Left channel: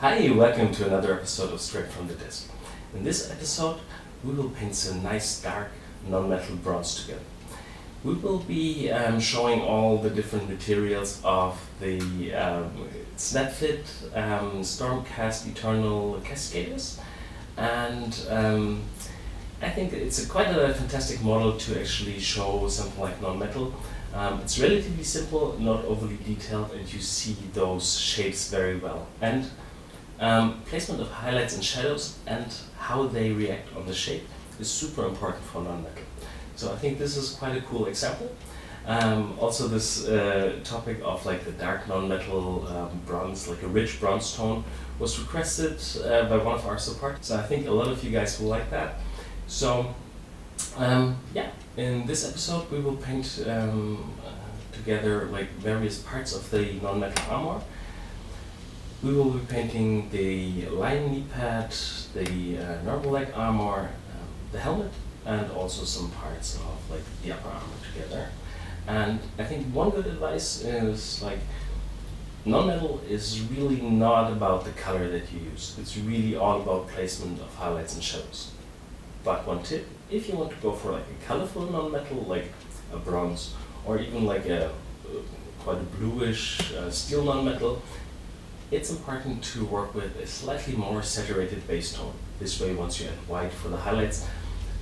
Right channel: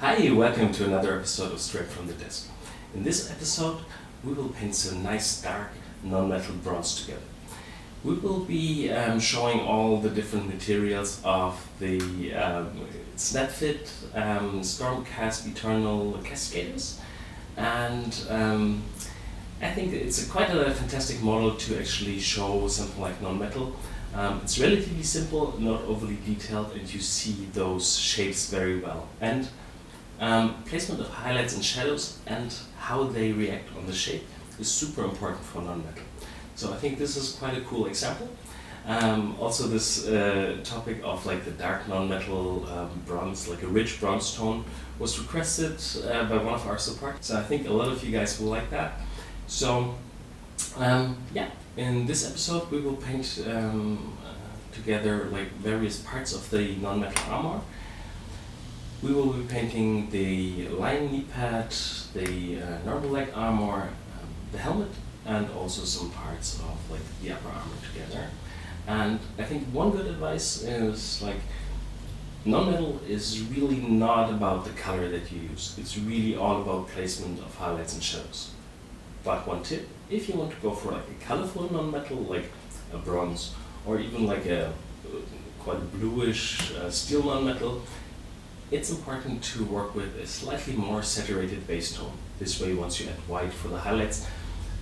Hi, welcome to another episode of Straight from the Desk. In this episode, we will paint some nice dark non-metal bronze together. We will be showing all the different materials of the Snapfit Stormcast Eternal Castigators, and I think it's quite a fantastic model to actually show something like non-metal. It's relatively simple, not overly detailed, and you see those shapes very well. And placement of highlights and shadows and how they react on the shape is super important for non-metal. So I think this is quite a cool example. Also this topic of like the dark non-metal bronze, like a rich bronze tone, was requested by one of our supporters. So I think a lot of you guys will like that. So yeah, in this episode we will paint together like various parts of the non-metal armor. We will be painting the lion knee pad, the normal leg armor, the helmet, and also some parts of like the upper armor together. And I think one good advice is like non-metal is really not about the color that you use. It's really all about placement of highlights and shadows. But one tip, if you want to go for like a colorful non-metal, like a bronze, or even like a quite a bluish steel non-metal, it's important to work with a slightly more saturated base tone. This way, once you add white for the highlights,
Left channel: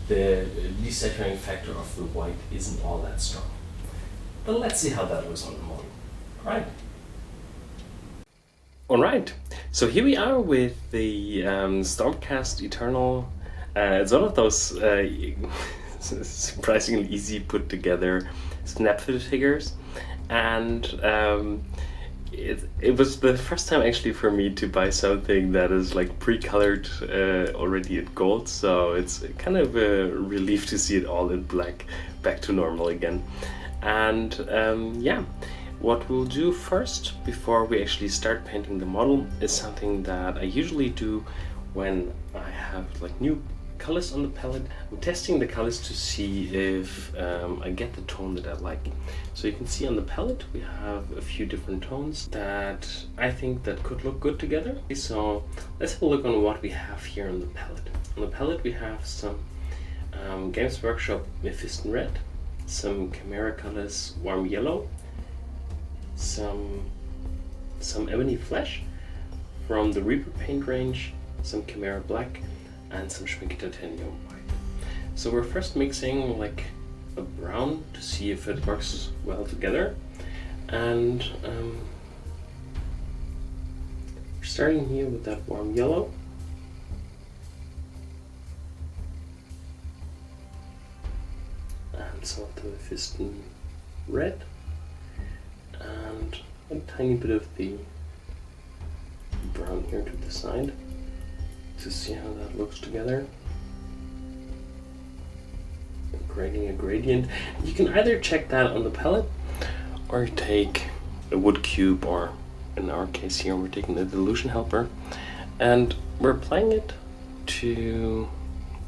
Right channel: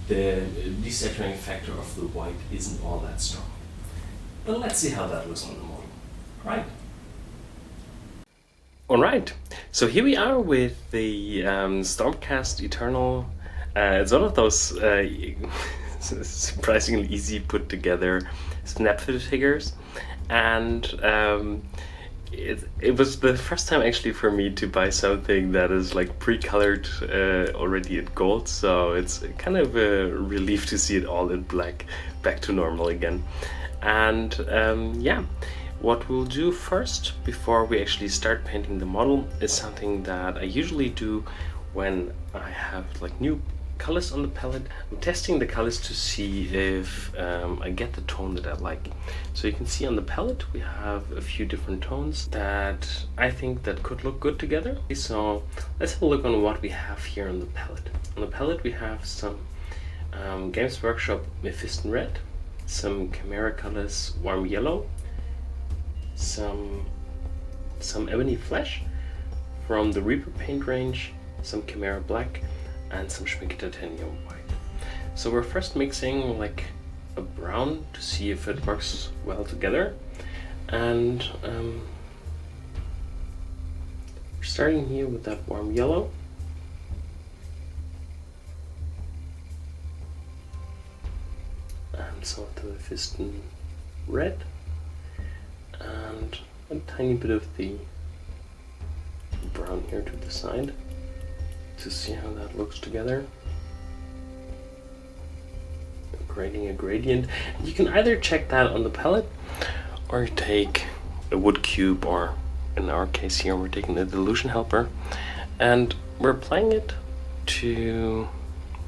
the desaturating factor of the white isn't all that strong. But let's see how that looks on the model. Alright, so here we are with the Stormcast Eternal. It's one of those surprisingly easy put together Snapfit figures, and it was the first time actually for me to buy something that is like pre-colored already in gold, so it's kind of a relief to see it all in black back to normal again. And yeah, what we'll do first before we actually start painting the model is something that I usually do when I have like new colors on the palette. I'm testing the colors to see if I get the tone that I like. So you can see on the palette we have a few different tones that I think that could look good together. So let's have a look on what we have here on the palette. On the palette we have some Games Workshop Mephiston Red, some Chimera Colors Warm Yellow, some Ebony Flesh from the Reaper paint range, some Chimera Black, and some Schmincke Titanium White. So we're first mixing like a brown to see if it works well together, and we're starting here with that warm yellow. And some of the Mephiston red, and a tiny bit of the brown here to the side, to see how that looks together. Creating a gradient. You can either check that on the palette or take a wood cube, or in our case here we're taking the dilution helper and we're applying it to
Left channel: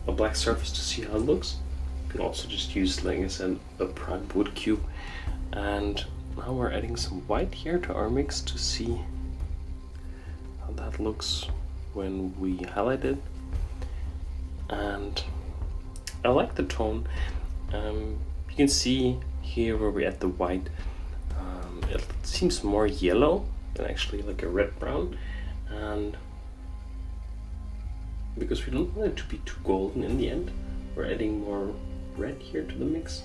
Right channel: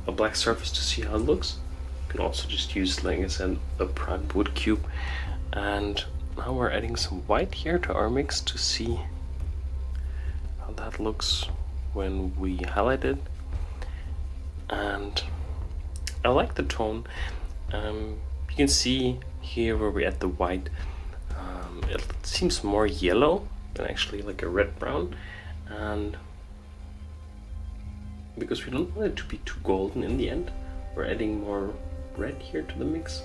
a black surface to see how it looks. You can also just use, like I said, a primed wood cube. And now we're adding some white here to our mix to see how that looks when we highlight it. And I like the tone. You can see here where we add the white, it seems more yellow than actually like a red brown, and because we don't want it to be too golden in the end, we're adding more red here to the mix.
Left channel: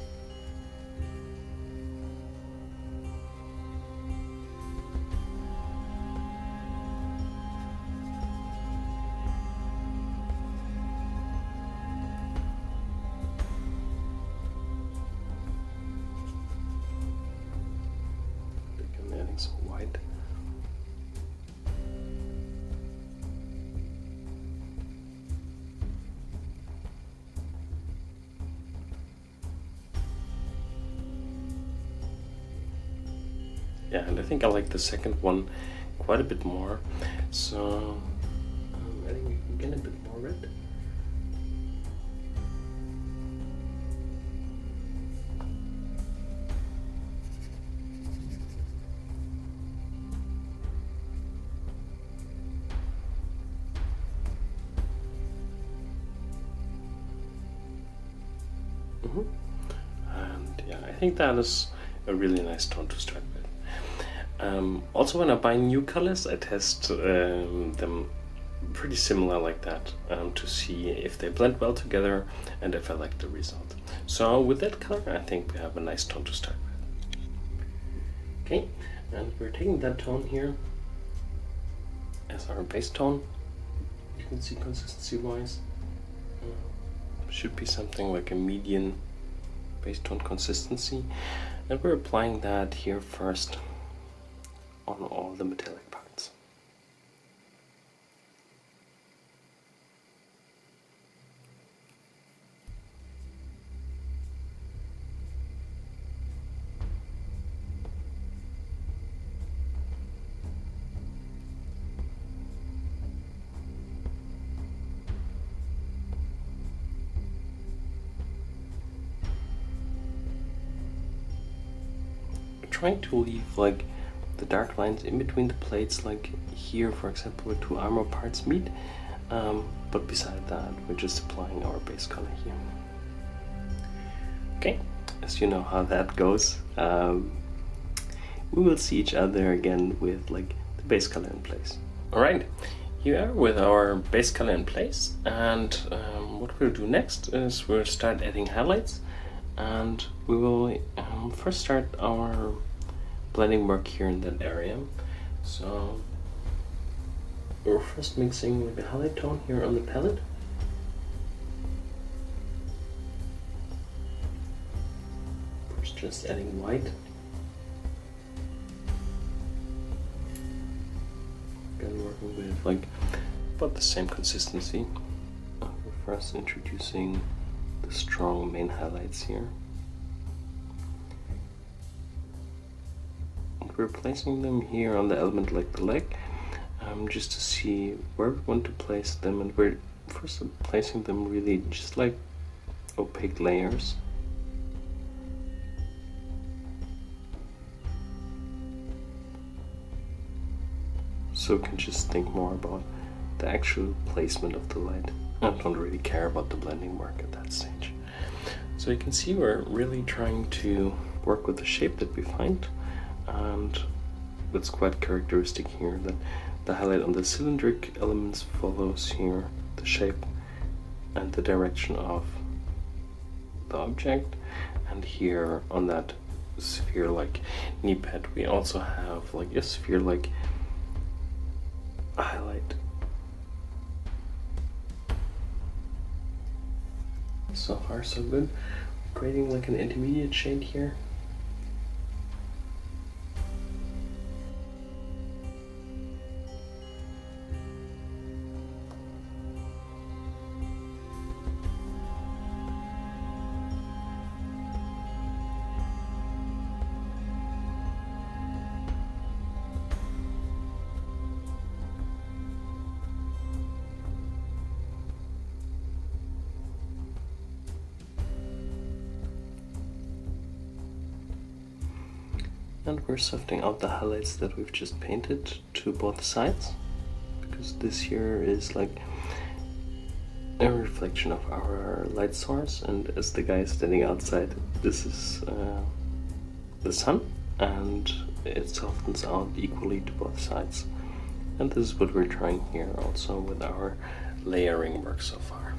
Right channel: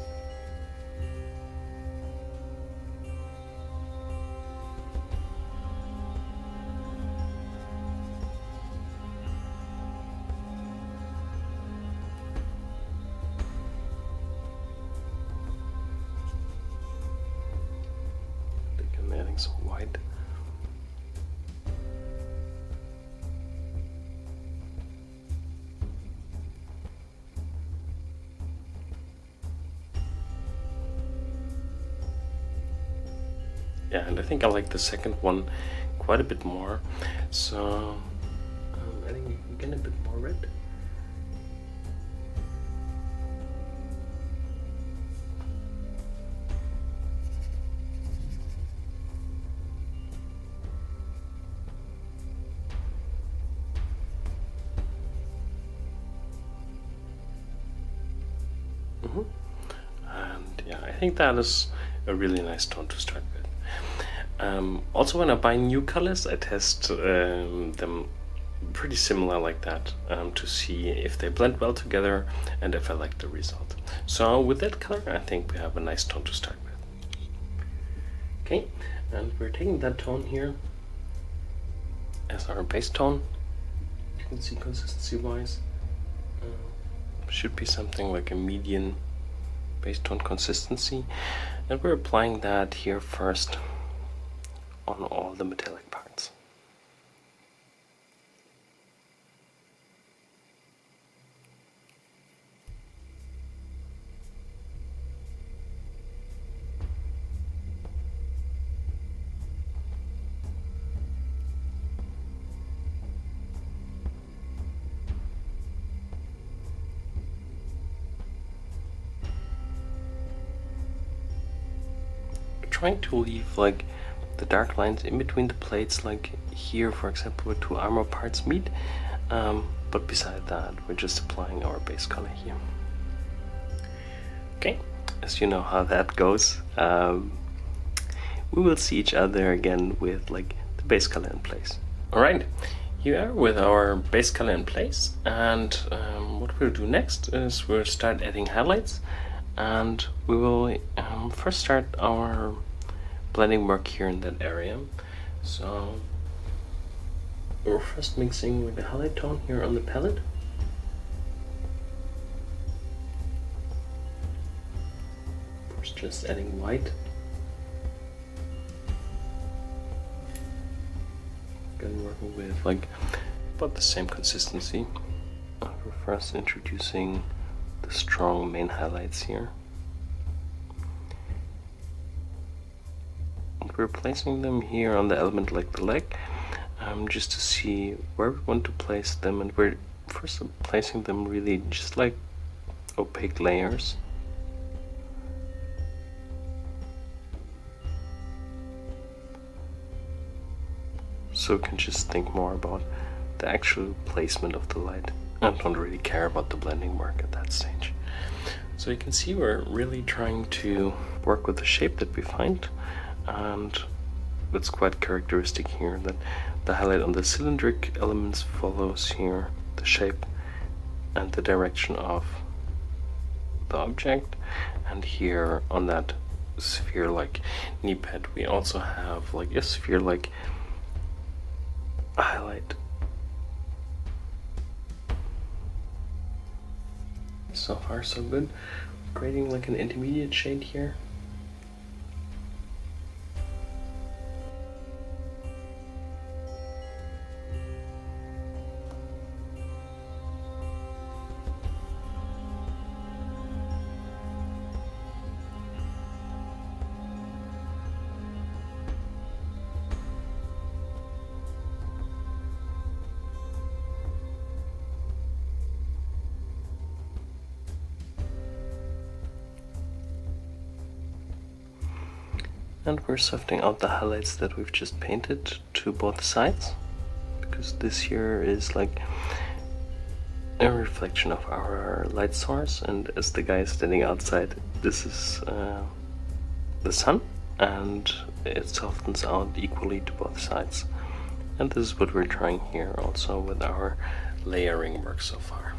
Adding some white. Yeah, and I think I like the second one quite a bit more. So I'm adding again a bit more red. think that is a really nice tone to start with. Also, when I buy new colors, I test them pretty similar like that to see if they blend well together and if I like the result. So with that color, I think we have a nice tone to start with. Okay, and we're taking that tone here as our base tone. You can see consistency wise should be something like a median base tone consistency, and we're applying that here first on all the metallic parts. Trying to leave like the dark lines in between the plates, like here for example where two armor parts meet, but beside that we're just applying our base color here. Okay, as you know how that goes, we will see each other again with like the base color in place. Alright, here we are with our base color in place, and what we'll do next is we'll start adding highlights, and we will first start our blending work here in that area. So we're first mixing with the highlight tone here on the palette. First just adding white. Again working with like about the same consistency. We're first introducing the strong main highlights here. We're placing them here on the element like the leg, just to see where we want to place them, and we're first placing them really just like opaque layers. So we can just think more about the actual placement of the light. I don't really care about the blending work at that stage. So you can see we're really trying to work with the shape that we find. And it's quite characteristic here that the highlight on the cylindric elements follows here the shape and the direction of the object, and here on that sphere-like knee pad we also have like a sphere-like highlight. So far so good. Creating like an intermediate shade here. And we're softening out the highlights that we've just painted to both sides, because this here is like a reflection of our light source, and as the guy is standing outside, this is the sun, and it softens out equally to both sides. And this is what we're trying here also with our layering work so far.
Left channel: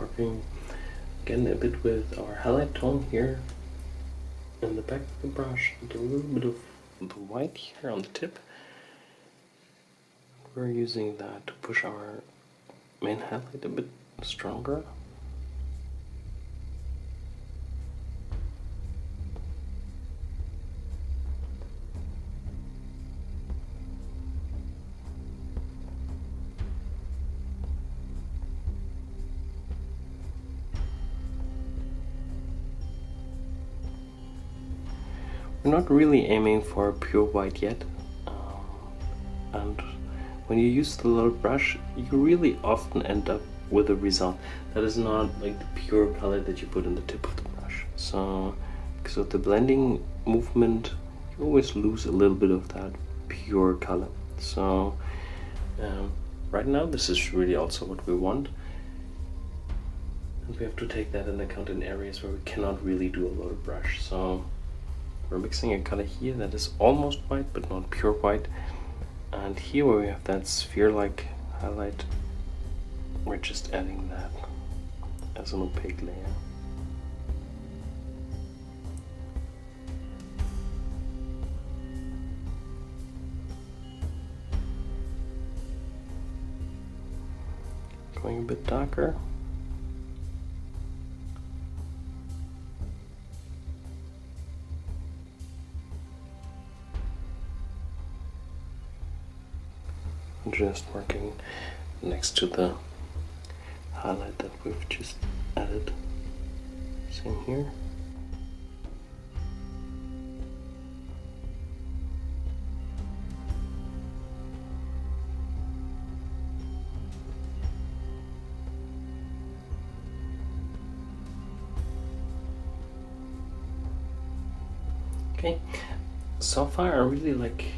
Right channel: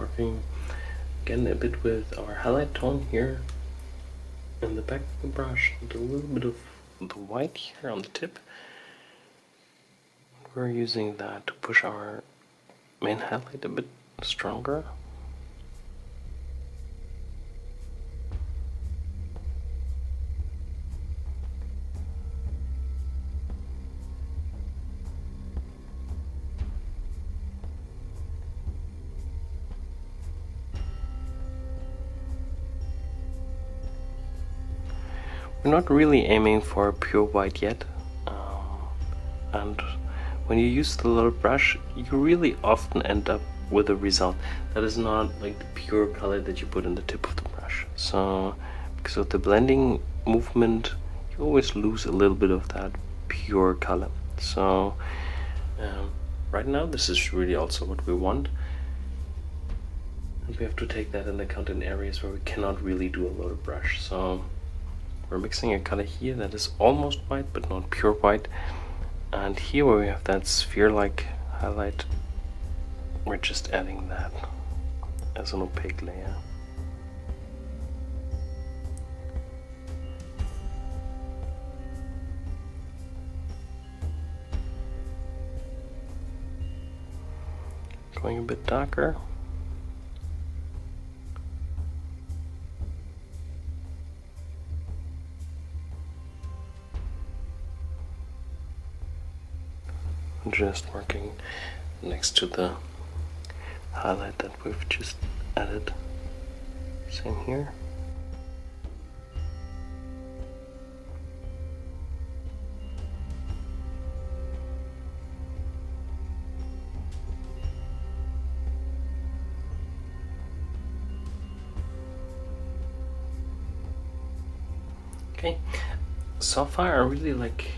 Working again a bit with our highlight tone here in the back of the brush, and a little bit of the white here on the tip. We're using that to push our main highlight a bit stronger. We're not really aiming for pure white yet, and when you use the little brush, you really often end up with a result that is not like the pure color that you put in the tip of the brush. So because of the blending movement, you always lose a little bit of that pure color. So right now this is really also what we want, and we have to take that into account in areas where we cannot really do a lot of brush. So we're mixing a color here that is almost white but not pure white, and here where we have that sphere-like highlight, we're just adding that as an opaque layer. Going a bit darker. Just working next to the highlight that we've just added. Same here. Okay, so far I really like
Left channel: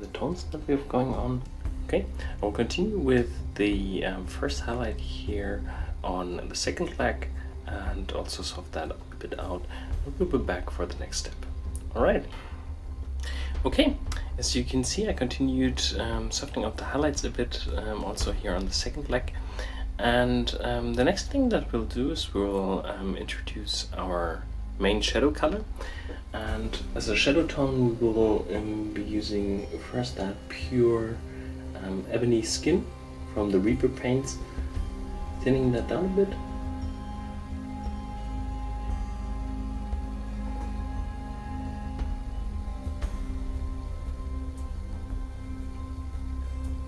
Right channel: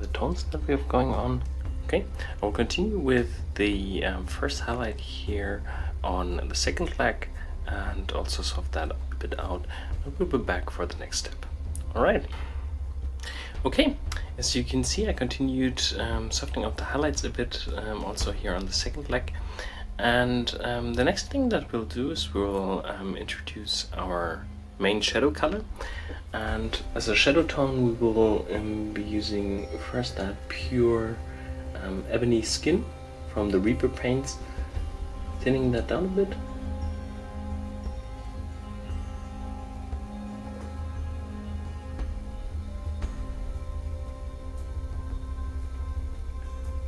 the tones that we have going on. Okay, I'll continue with the first highlight here on the second leg and also soft that a bit out, and we'll be back for the next step. Alright. Okay, as you can see, I continued softening out the highlights a bit also here on the second leg, and the next thing that we'll do is we'll introduce our main shadow color, and as a shadow tone we will be using first that pure ebony skin from the Reaper paints, thinning that down a bit.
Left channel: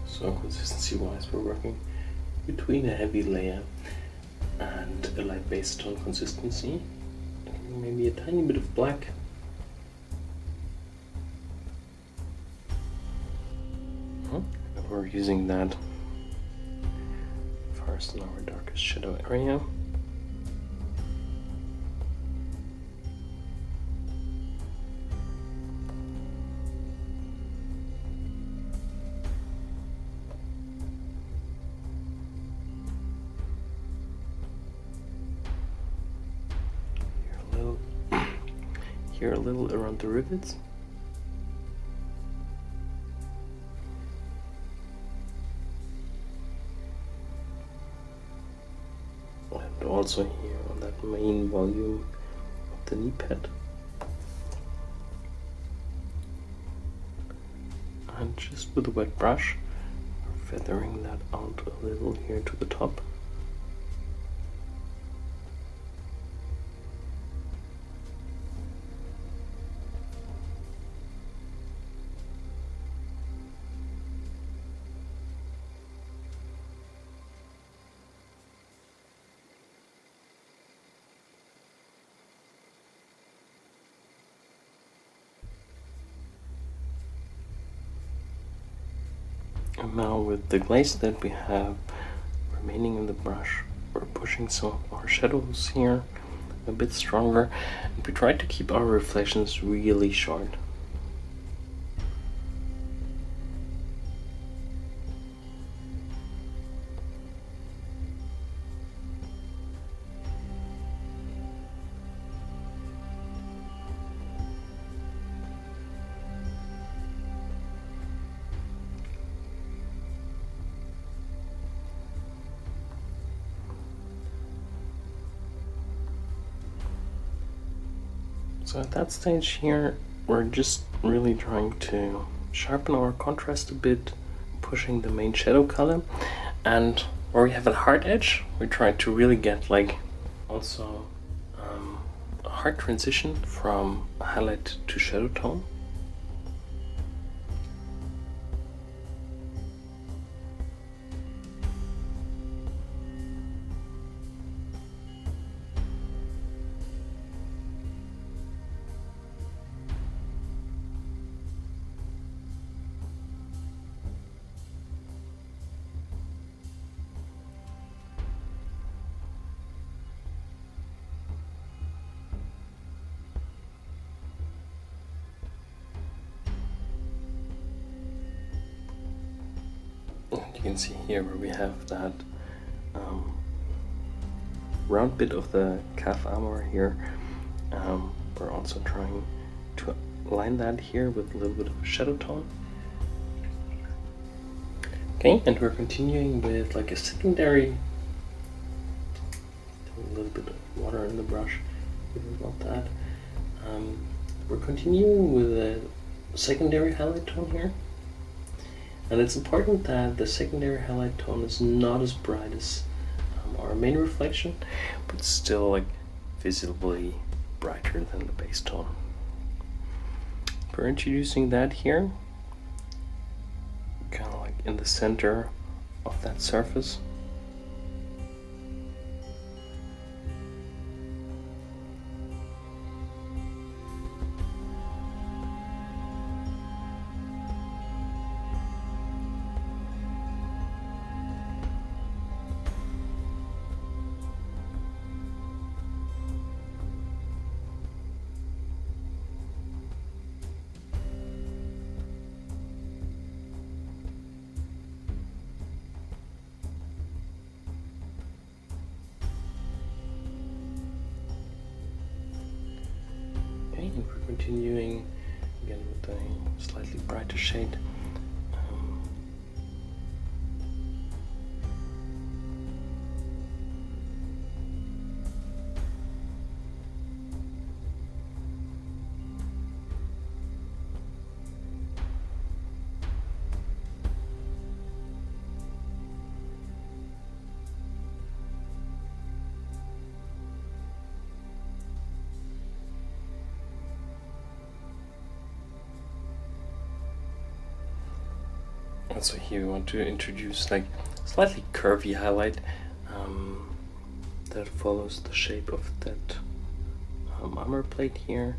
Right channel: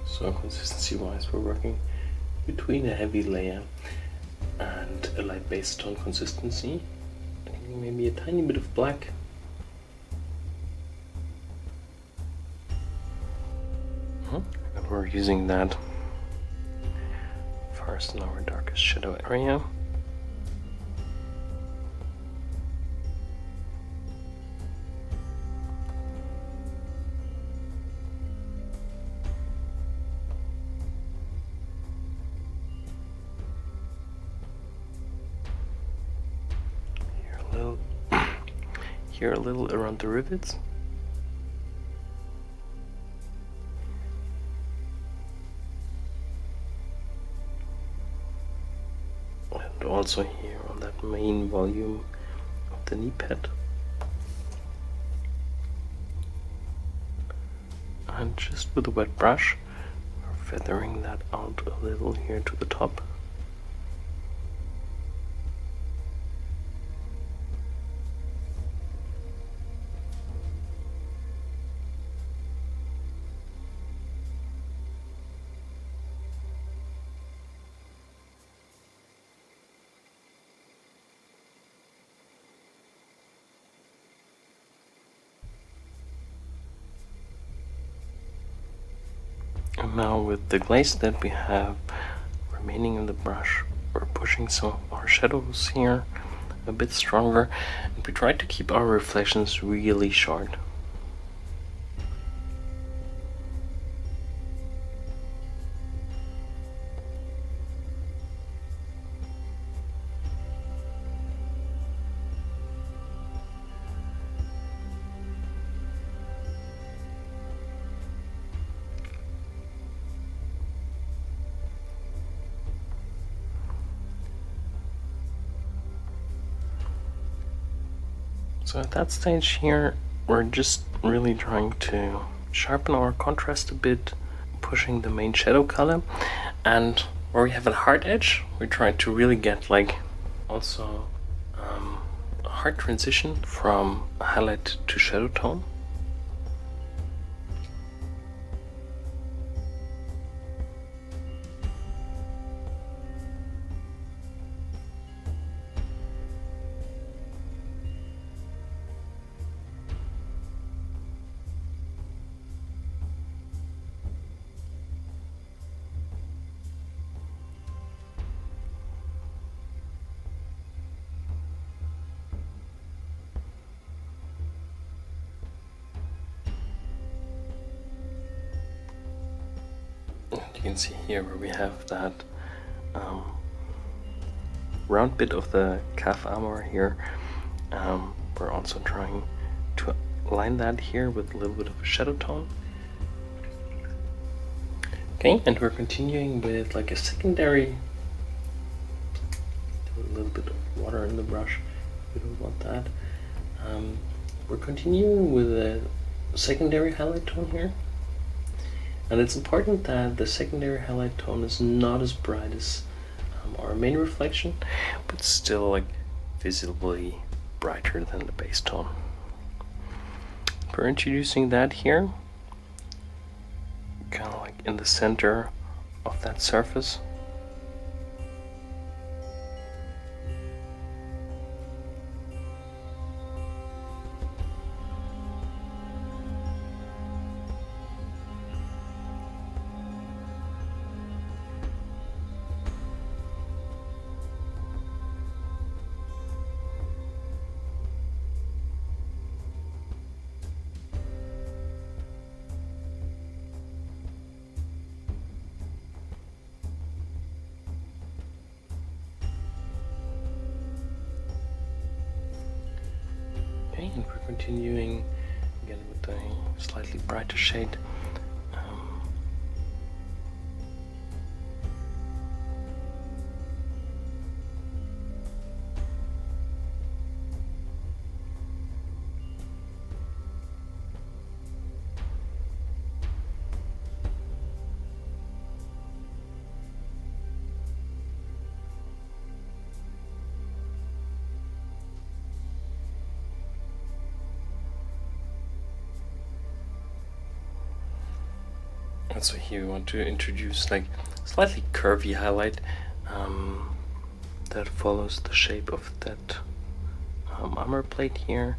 So consistency wise we're working between a heavy layer and a light base tone consistency, maybe a tiny bit of black. And we're using that first in our darkest shadow area. Here a little around the rivets. And also here on that main volume of the knee pad. And just with a wet brush, we're feathering that out a little here to the top. And now with the glaze that we have remaining in the brush, we're pushing some of our shadows here a bit stronger, and we try to keep our reflections really short. So at that stage here, we're just really trying to sharpen our contrast a bit, pushing the main shadow color, and where we have a hard edge, we try to really get like also a hard transition from highlight to shadow tone. can see here where we have that round bit of the calf armor here. We're also trying to line that here with a little bit of a shadow tone. Okay, and we're continuing with like a secondary, a little bit of water in the brush. We don't want that. We're continuing with a secondary highlight tone here. And it's important that the secondary highlight tone is not as bright as our main reflection, but still like visibly brighter than the base tone. We're introducing that here, kind of like in the center of that surface. Okay, and we're continuing again with a slightly brighter shade. And so here we want to introduce like slightly curvy highlight that follows the shape of that armor plate here,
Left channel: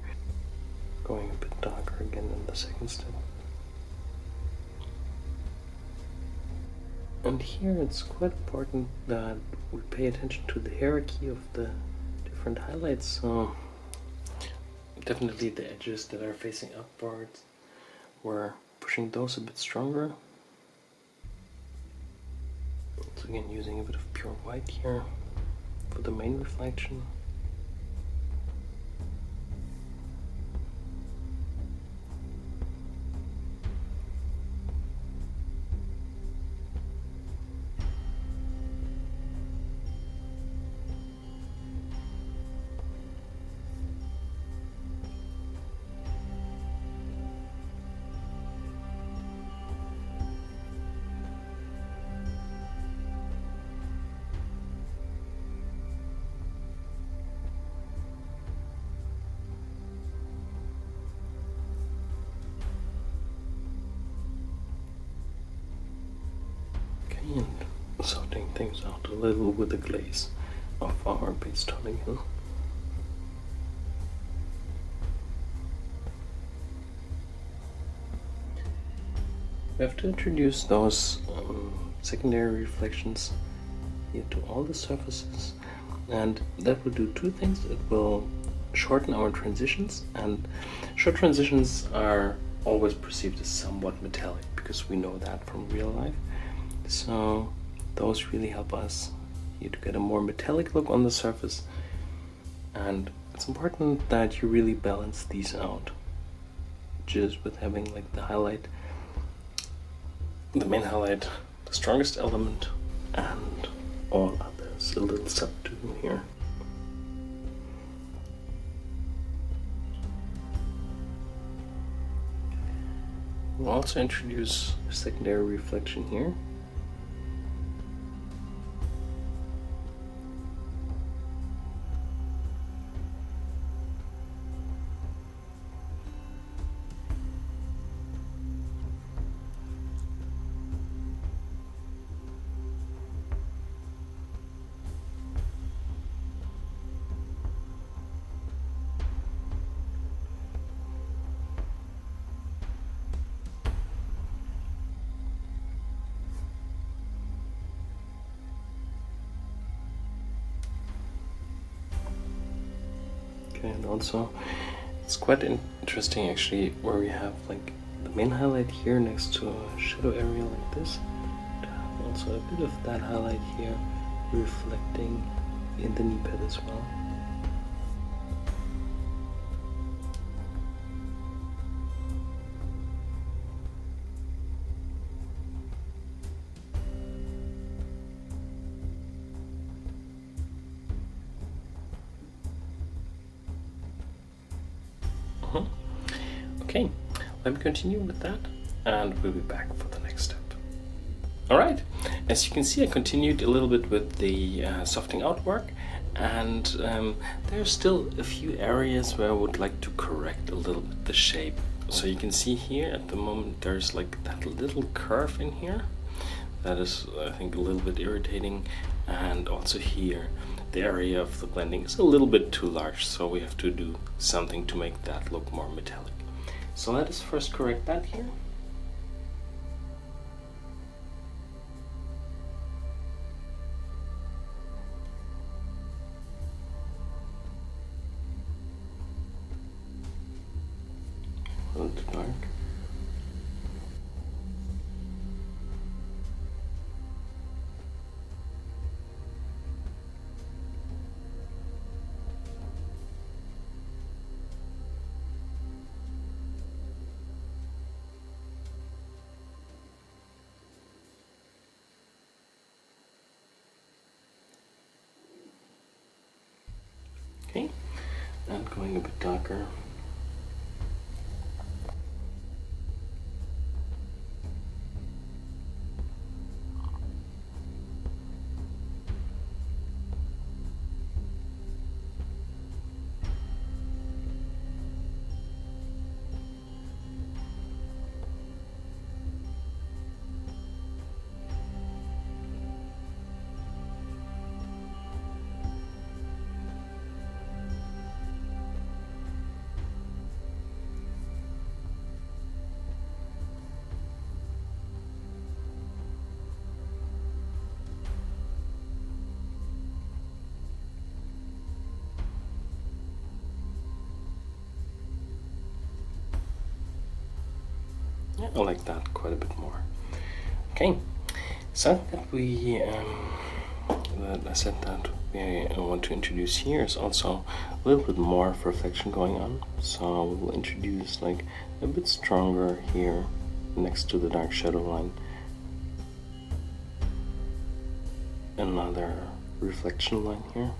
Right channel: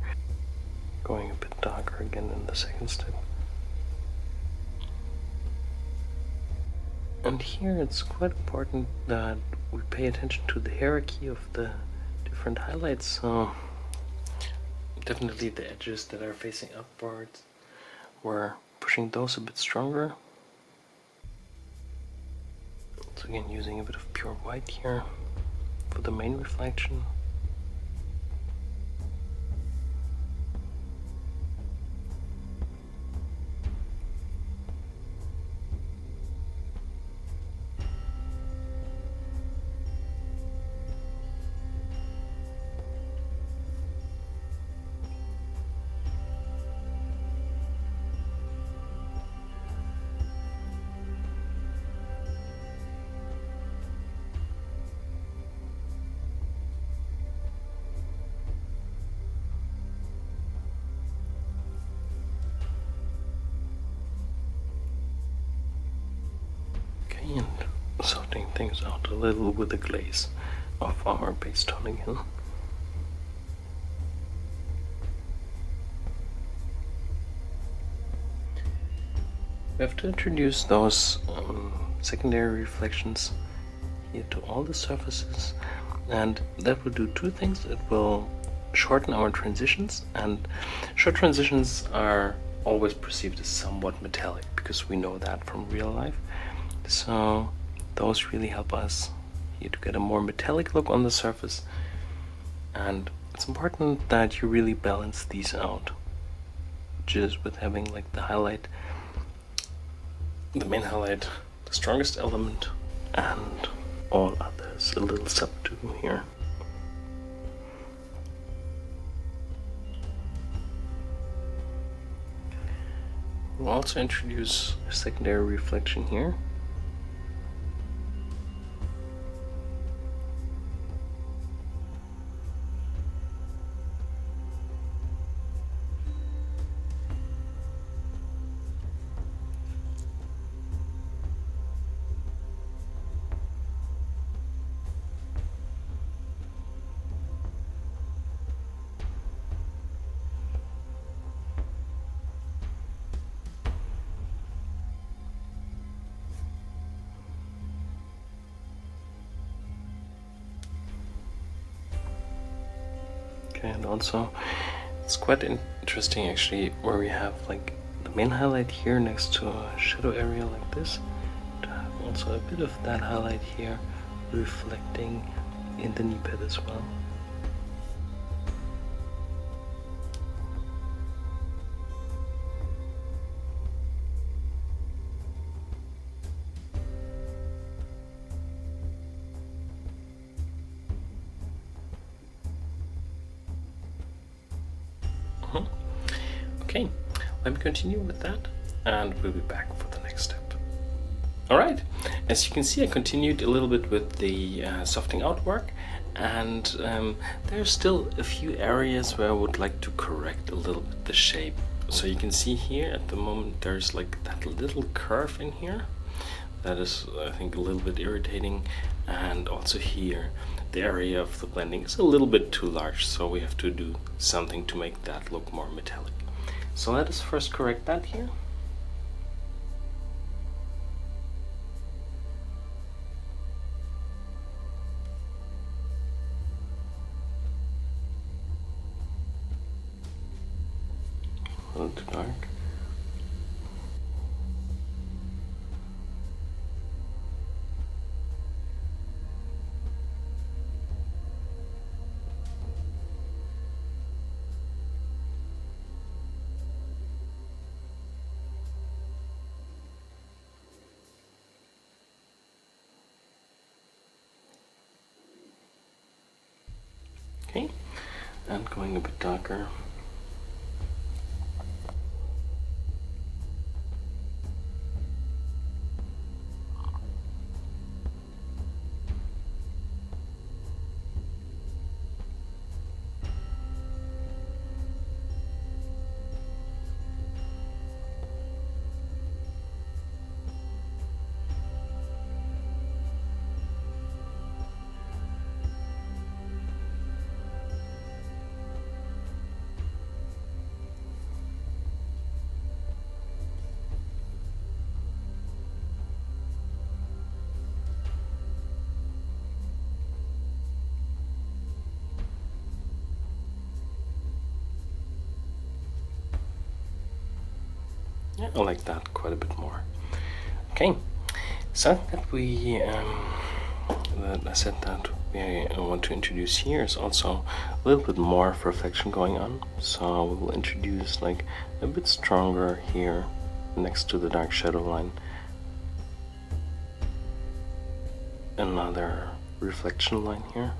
going a bit darker again in the second step. And here it's quite important that we pay attention to the hierarchy of the different highlights. So definitely the edges that are facing upwards, we're pushing those a bit stronger. So again, using a bit of pure white here for the main reflection. And sorting things out a little with the glaze of our base tone again. We have to introduce those secondary reflections here to all the surfaces, and that will do two things. It will shorten our transitions, and short transitions are always perceived as somewhat metallic because we know that from real life. So those really help us here to get a more metallic look on the surface, and it's important that you really balance these out, just with having like the highlight, the main highlight, the strongest element, and all others a little subdued here. We'll also introduce a secondary reflection here. Okay, and also it's quite interesting actually where we have like the main highlight here next to a shadow area like this, to have also a bit of that highlight here reflecting in the knee pad as well. Okay, let me continue with that and we'll be back for the next step. Alright, as you can see, I continued a little bit with the softening out work, and there's still a few areas where I would like to correct a little bit the shape. So you can see here at the moment there's like that little curve in here that is, I think, a little bit irritating, and also here the area of the blending is a little bit too large, so we have to do something to make that look more metallic. So let us first correct that here. A little too dark. Okay, and going a bit darker. Yeah, I like that quite a bit more. Okay, so that we that I said that we want to introduce here is also a little bit more of reflection going on. So we will introduce like a bit stronger here next to the dark shadow line. Another reflection line here.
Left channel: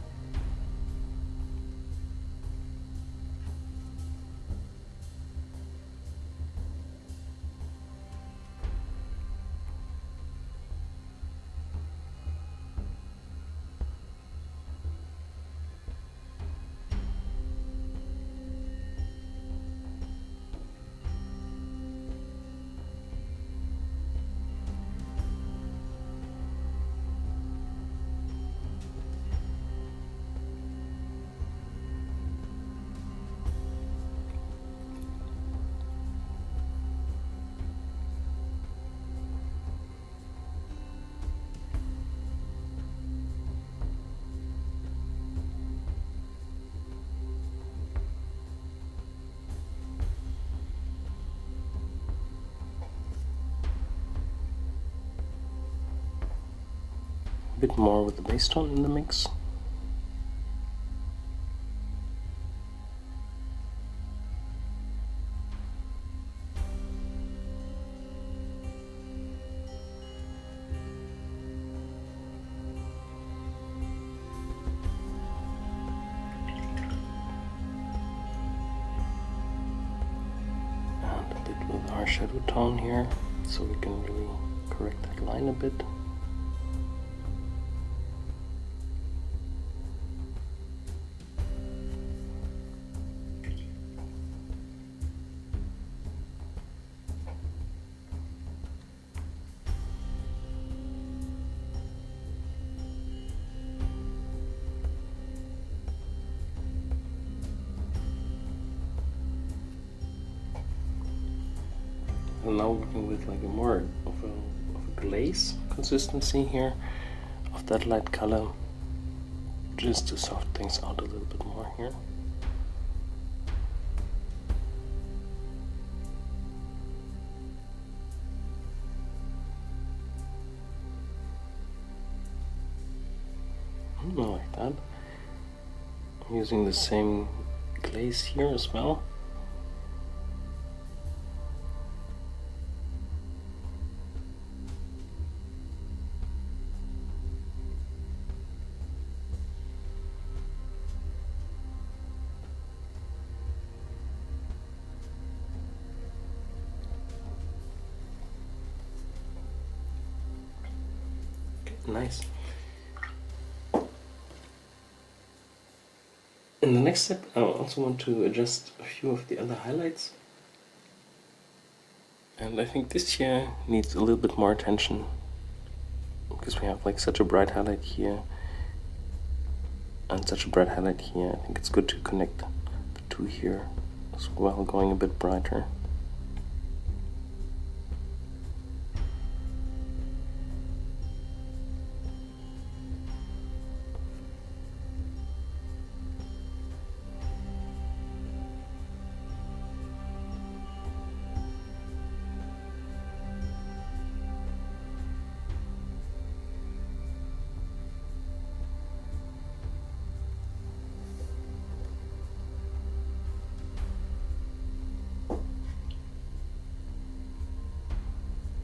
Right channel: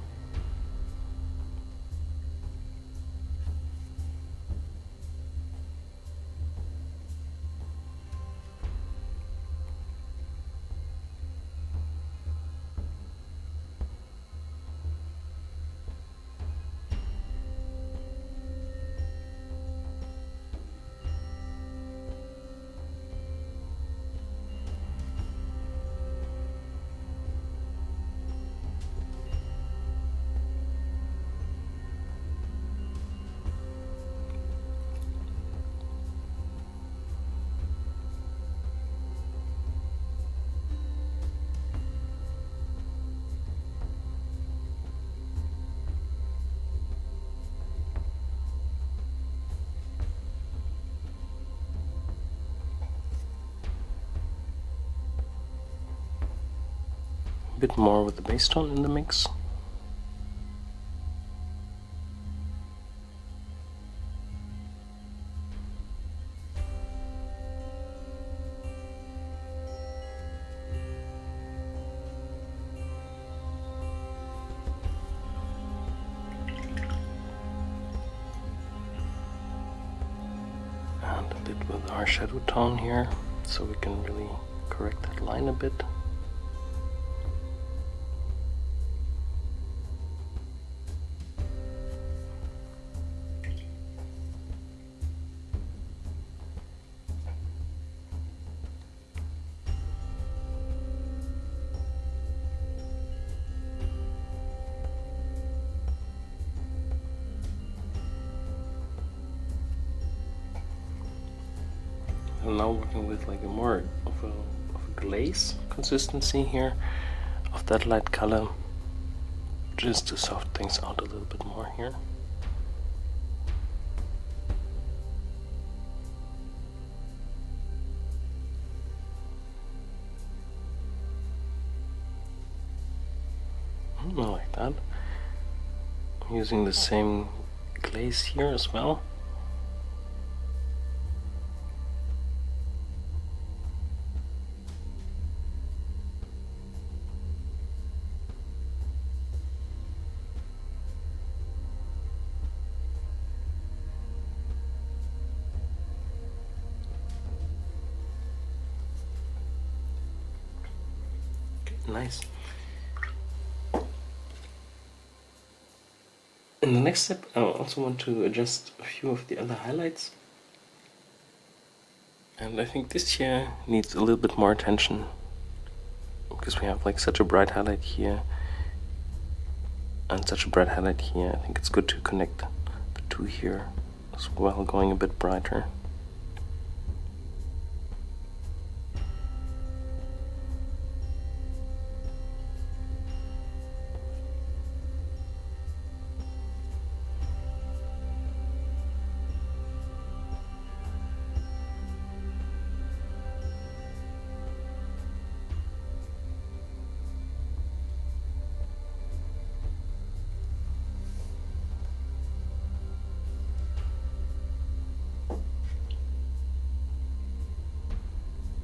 A bit more with the base tone in the mix. And a bit with our shadow tone here, so we can really correct that line a bit. I'm now working with like a more of a glaze consistency here of that light color, just to soften things out a little bit more here. I like that. I'm using the same glaze here as well. Nice. In the next step, I also want to adjust a few of the other highlights. And I think this here needs a little bit more attention because we have like such a bright highlight here and such a bright highlight here. I think it's good to connect the two here as well, going a bit brighter.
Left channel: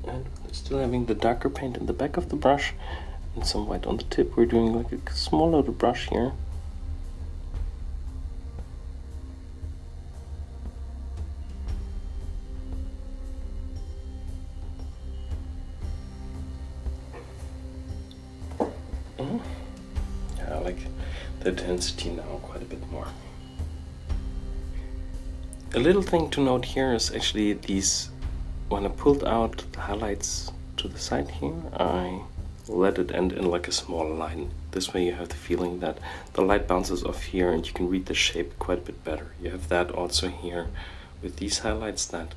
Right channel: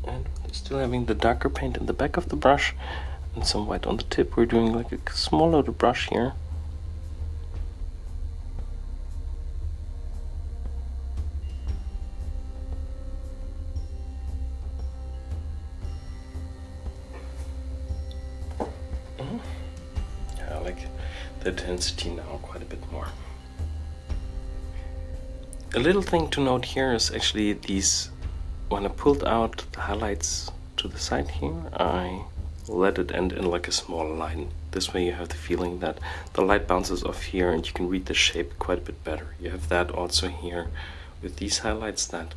And still having the darker paint in the back of the brush and some white on the tip, we're doing like a small load of brush here. Yeah, I like the intensity now quite a bit more. A little thing to note here is actually these, when I pulled out the highlights to the side here, I let it end in like a small line. This way you have the feeling that the light bounces off here and you can read the shape quite a bit better. You have that also here with these highlights, that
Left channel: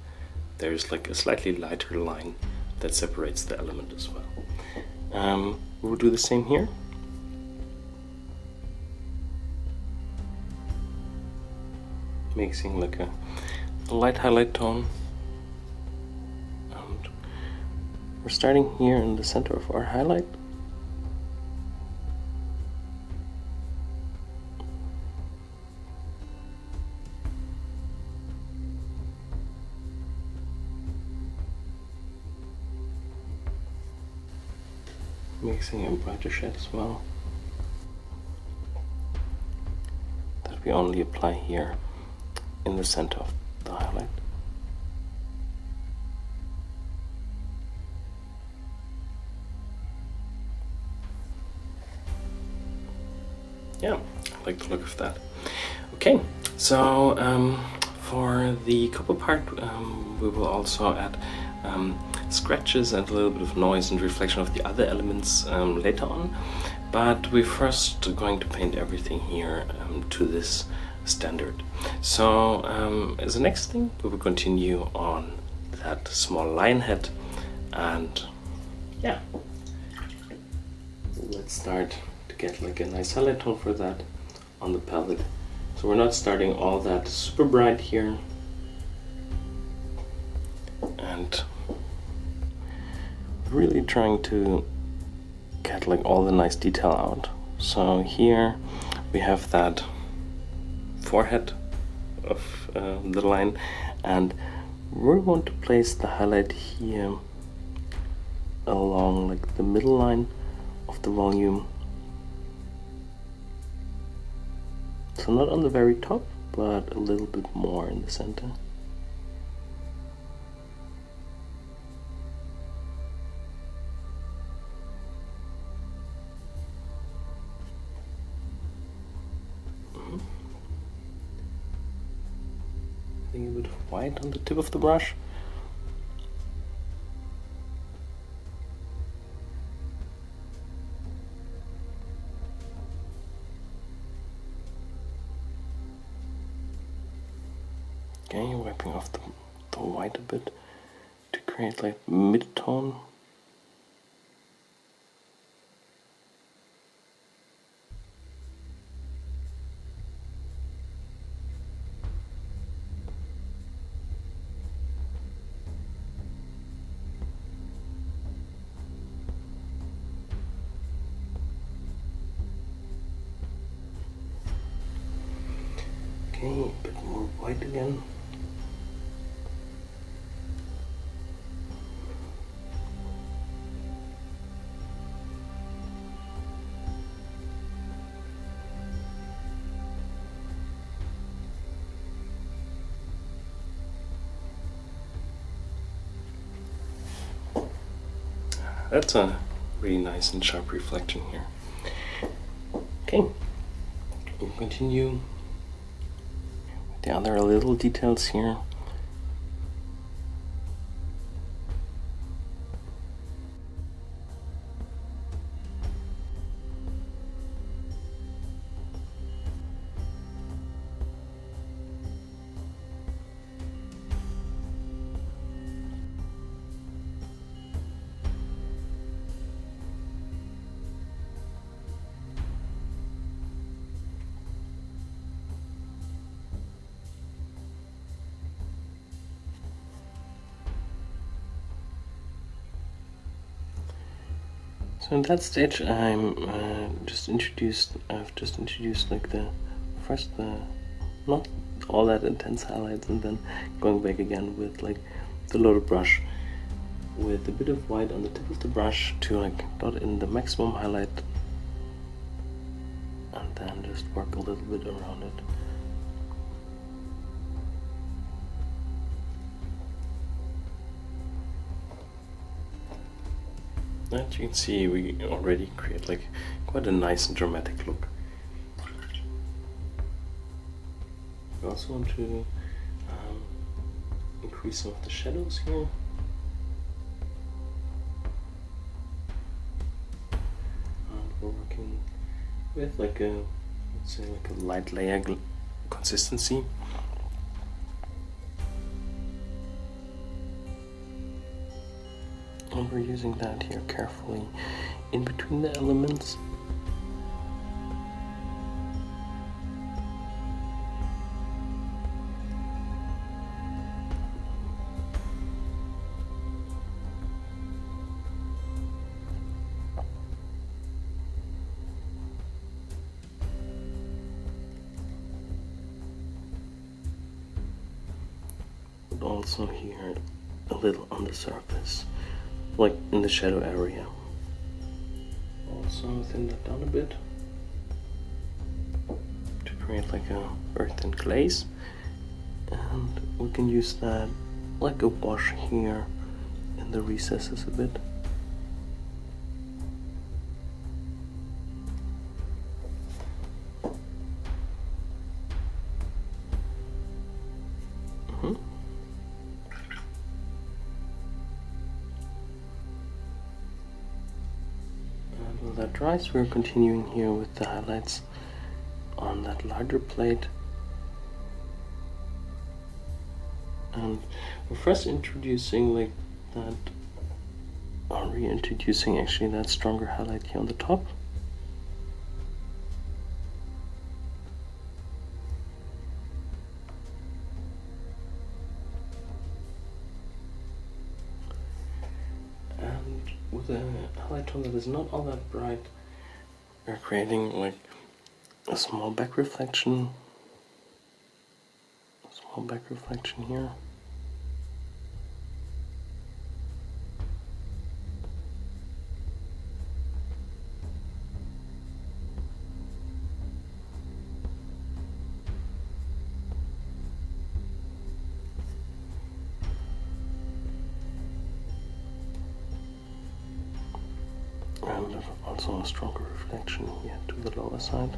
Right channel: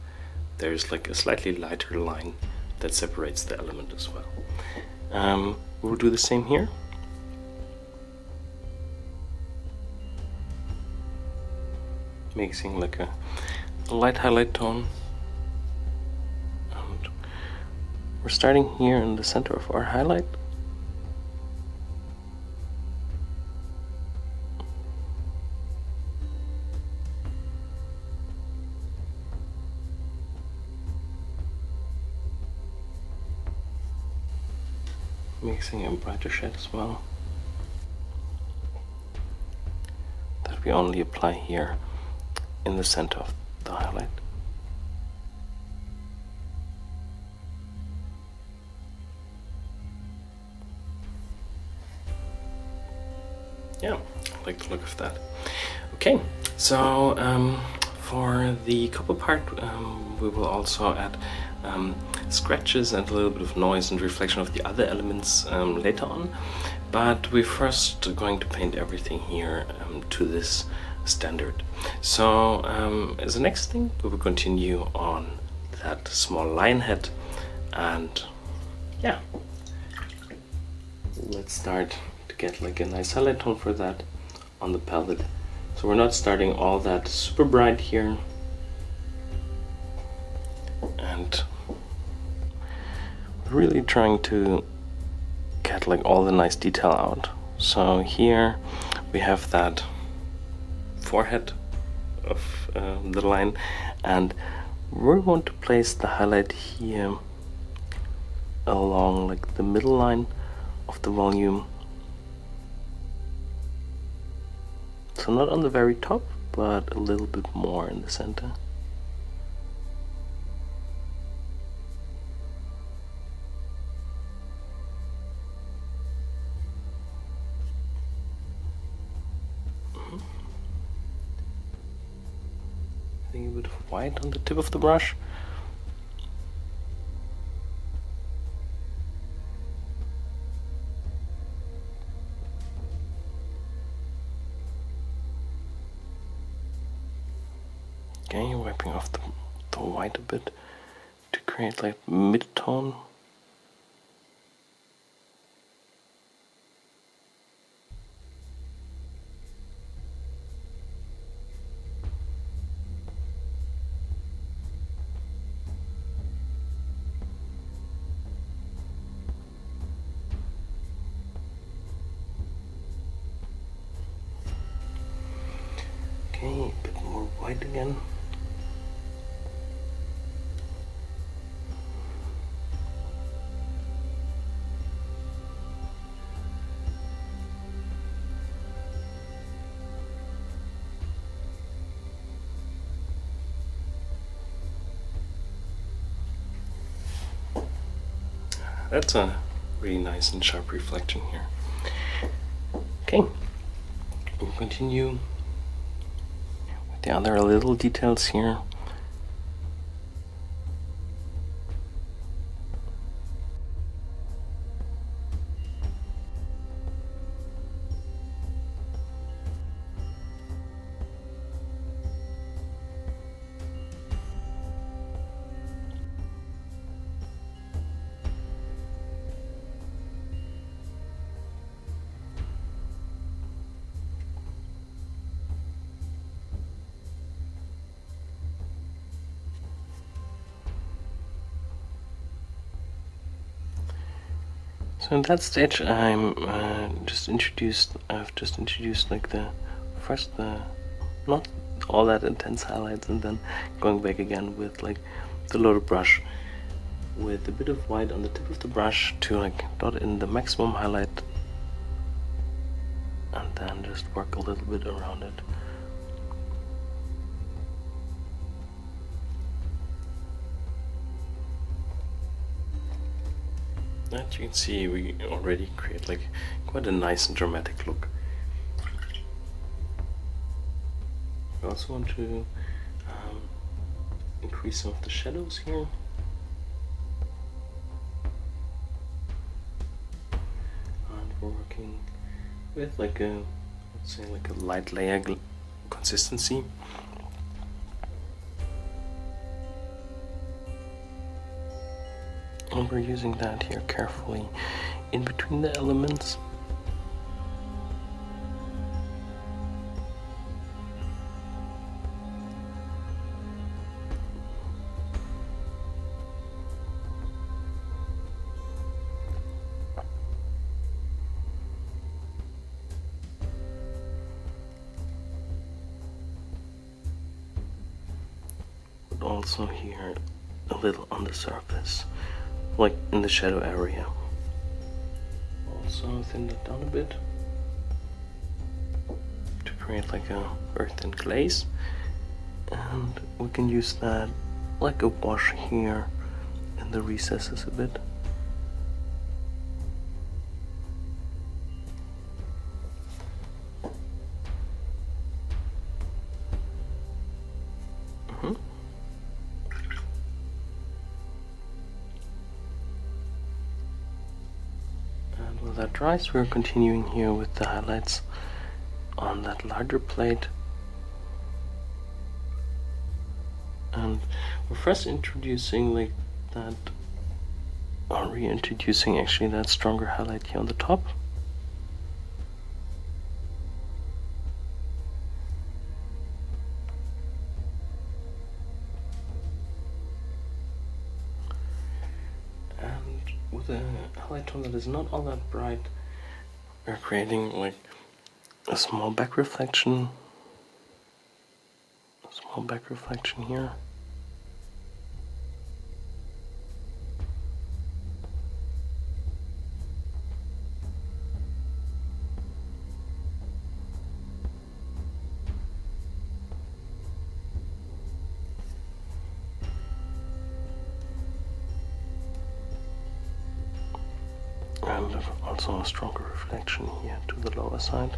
there's like a slightly lighter line that separates the element as well. We'll do the same here. Mixing like a light highlight tone. And we're starting here in the center of our highlight. Mixing a brighter shade as well, that we only apply here in the center of the highlight. Yeah, I like the look of that. Okay, so for the couple part, we will also add scratches and a little bit of noise and reflection of the other elements later on, but we're first going to paint everything here to this standard. So as the next thing, we will continue on that small lion head, and yeah, let's start to get like a nice highlight tone for that on the palette. So we're not starting all that super bright here, and really trying to get like all the nice detail out. So here we have that forehead of the line, and we're going to place the highlight here along like the middle line of the volume. So not on the very top, but a little bit more in the center. Adding a bit of white on the tip of the brush. Okay, wiping off the white a bit to create like mid-tone. Okay, a bit more white again. That's a really nice and sharp reflection here. Okay, we'll continue with the other little details here. So in that stage, I've just introduced like the not all that intense highlights, and then going back again with like the loaded brush with a bit of white on the tip of the brush to like dot in the maximum highlight, and then just work a little bit around it. As you can see, we already create like quite a nice and dramatic look. We also want to increase some of the shadows here. And we're working with like a, let's say like a light layer consistency. And we're using that here carefully in between the elements. But also here a little on the surface, like in the shadow area. Also thin that down a bit to create like a earth and glaze, and we can use that like a wash here in the recesses a bit. While that dries, we're continuing here with the highlights on that larger plate. And we're first introducing like that, or reintroducing actually that stronger highlight here on the top. And with a highlight tone that is not all that bright, we're creating like a small back reflection. Here. And also a stronger reflection here to the lower side.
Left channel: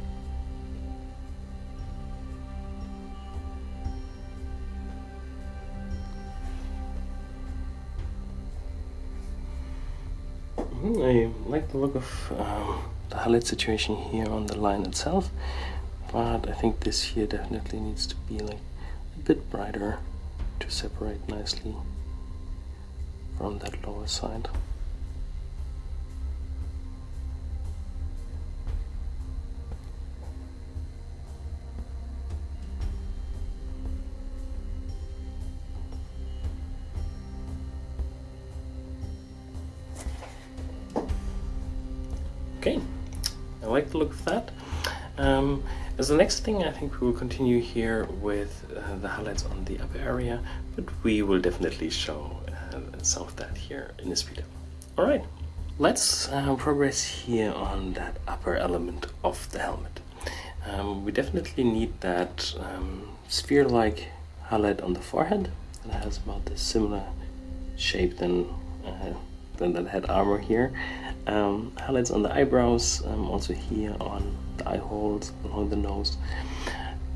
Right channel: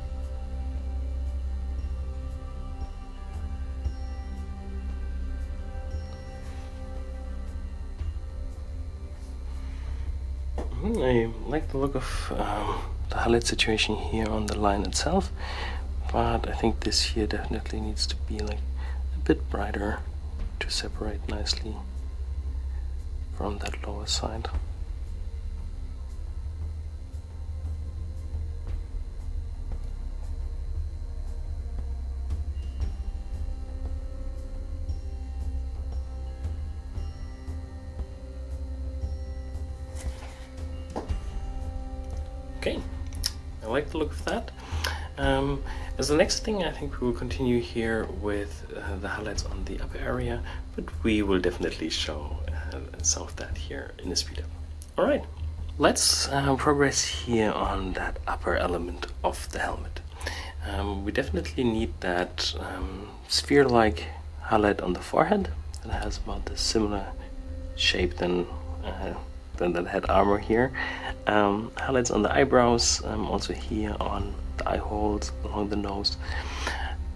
I like the look of the highlight situation here on the line itself, but I think this here definitely needs to be like a bit brighter to separate nicely from that lower side. Okay, I like the look of that. As the next thing, I think we will continue here with the highlights on the upper area, but we will definitely show some of that here in the speed up. Alright, let's progress here on that upper element of the helmet. We definitely need that sphere-like highlight on the forehead that has about the similar shape than that head armor here. Highlights on the eyebrows, also here on the eye holes, along the nose.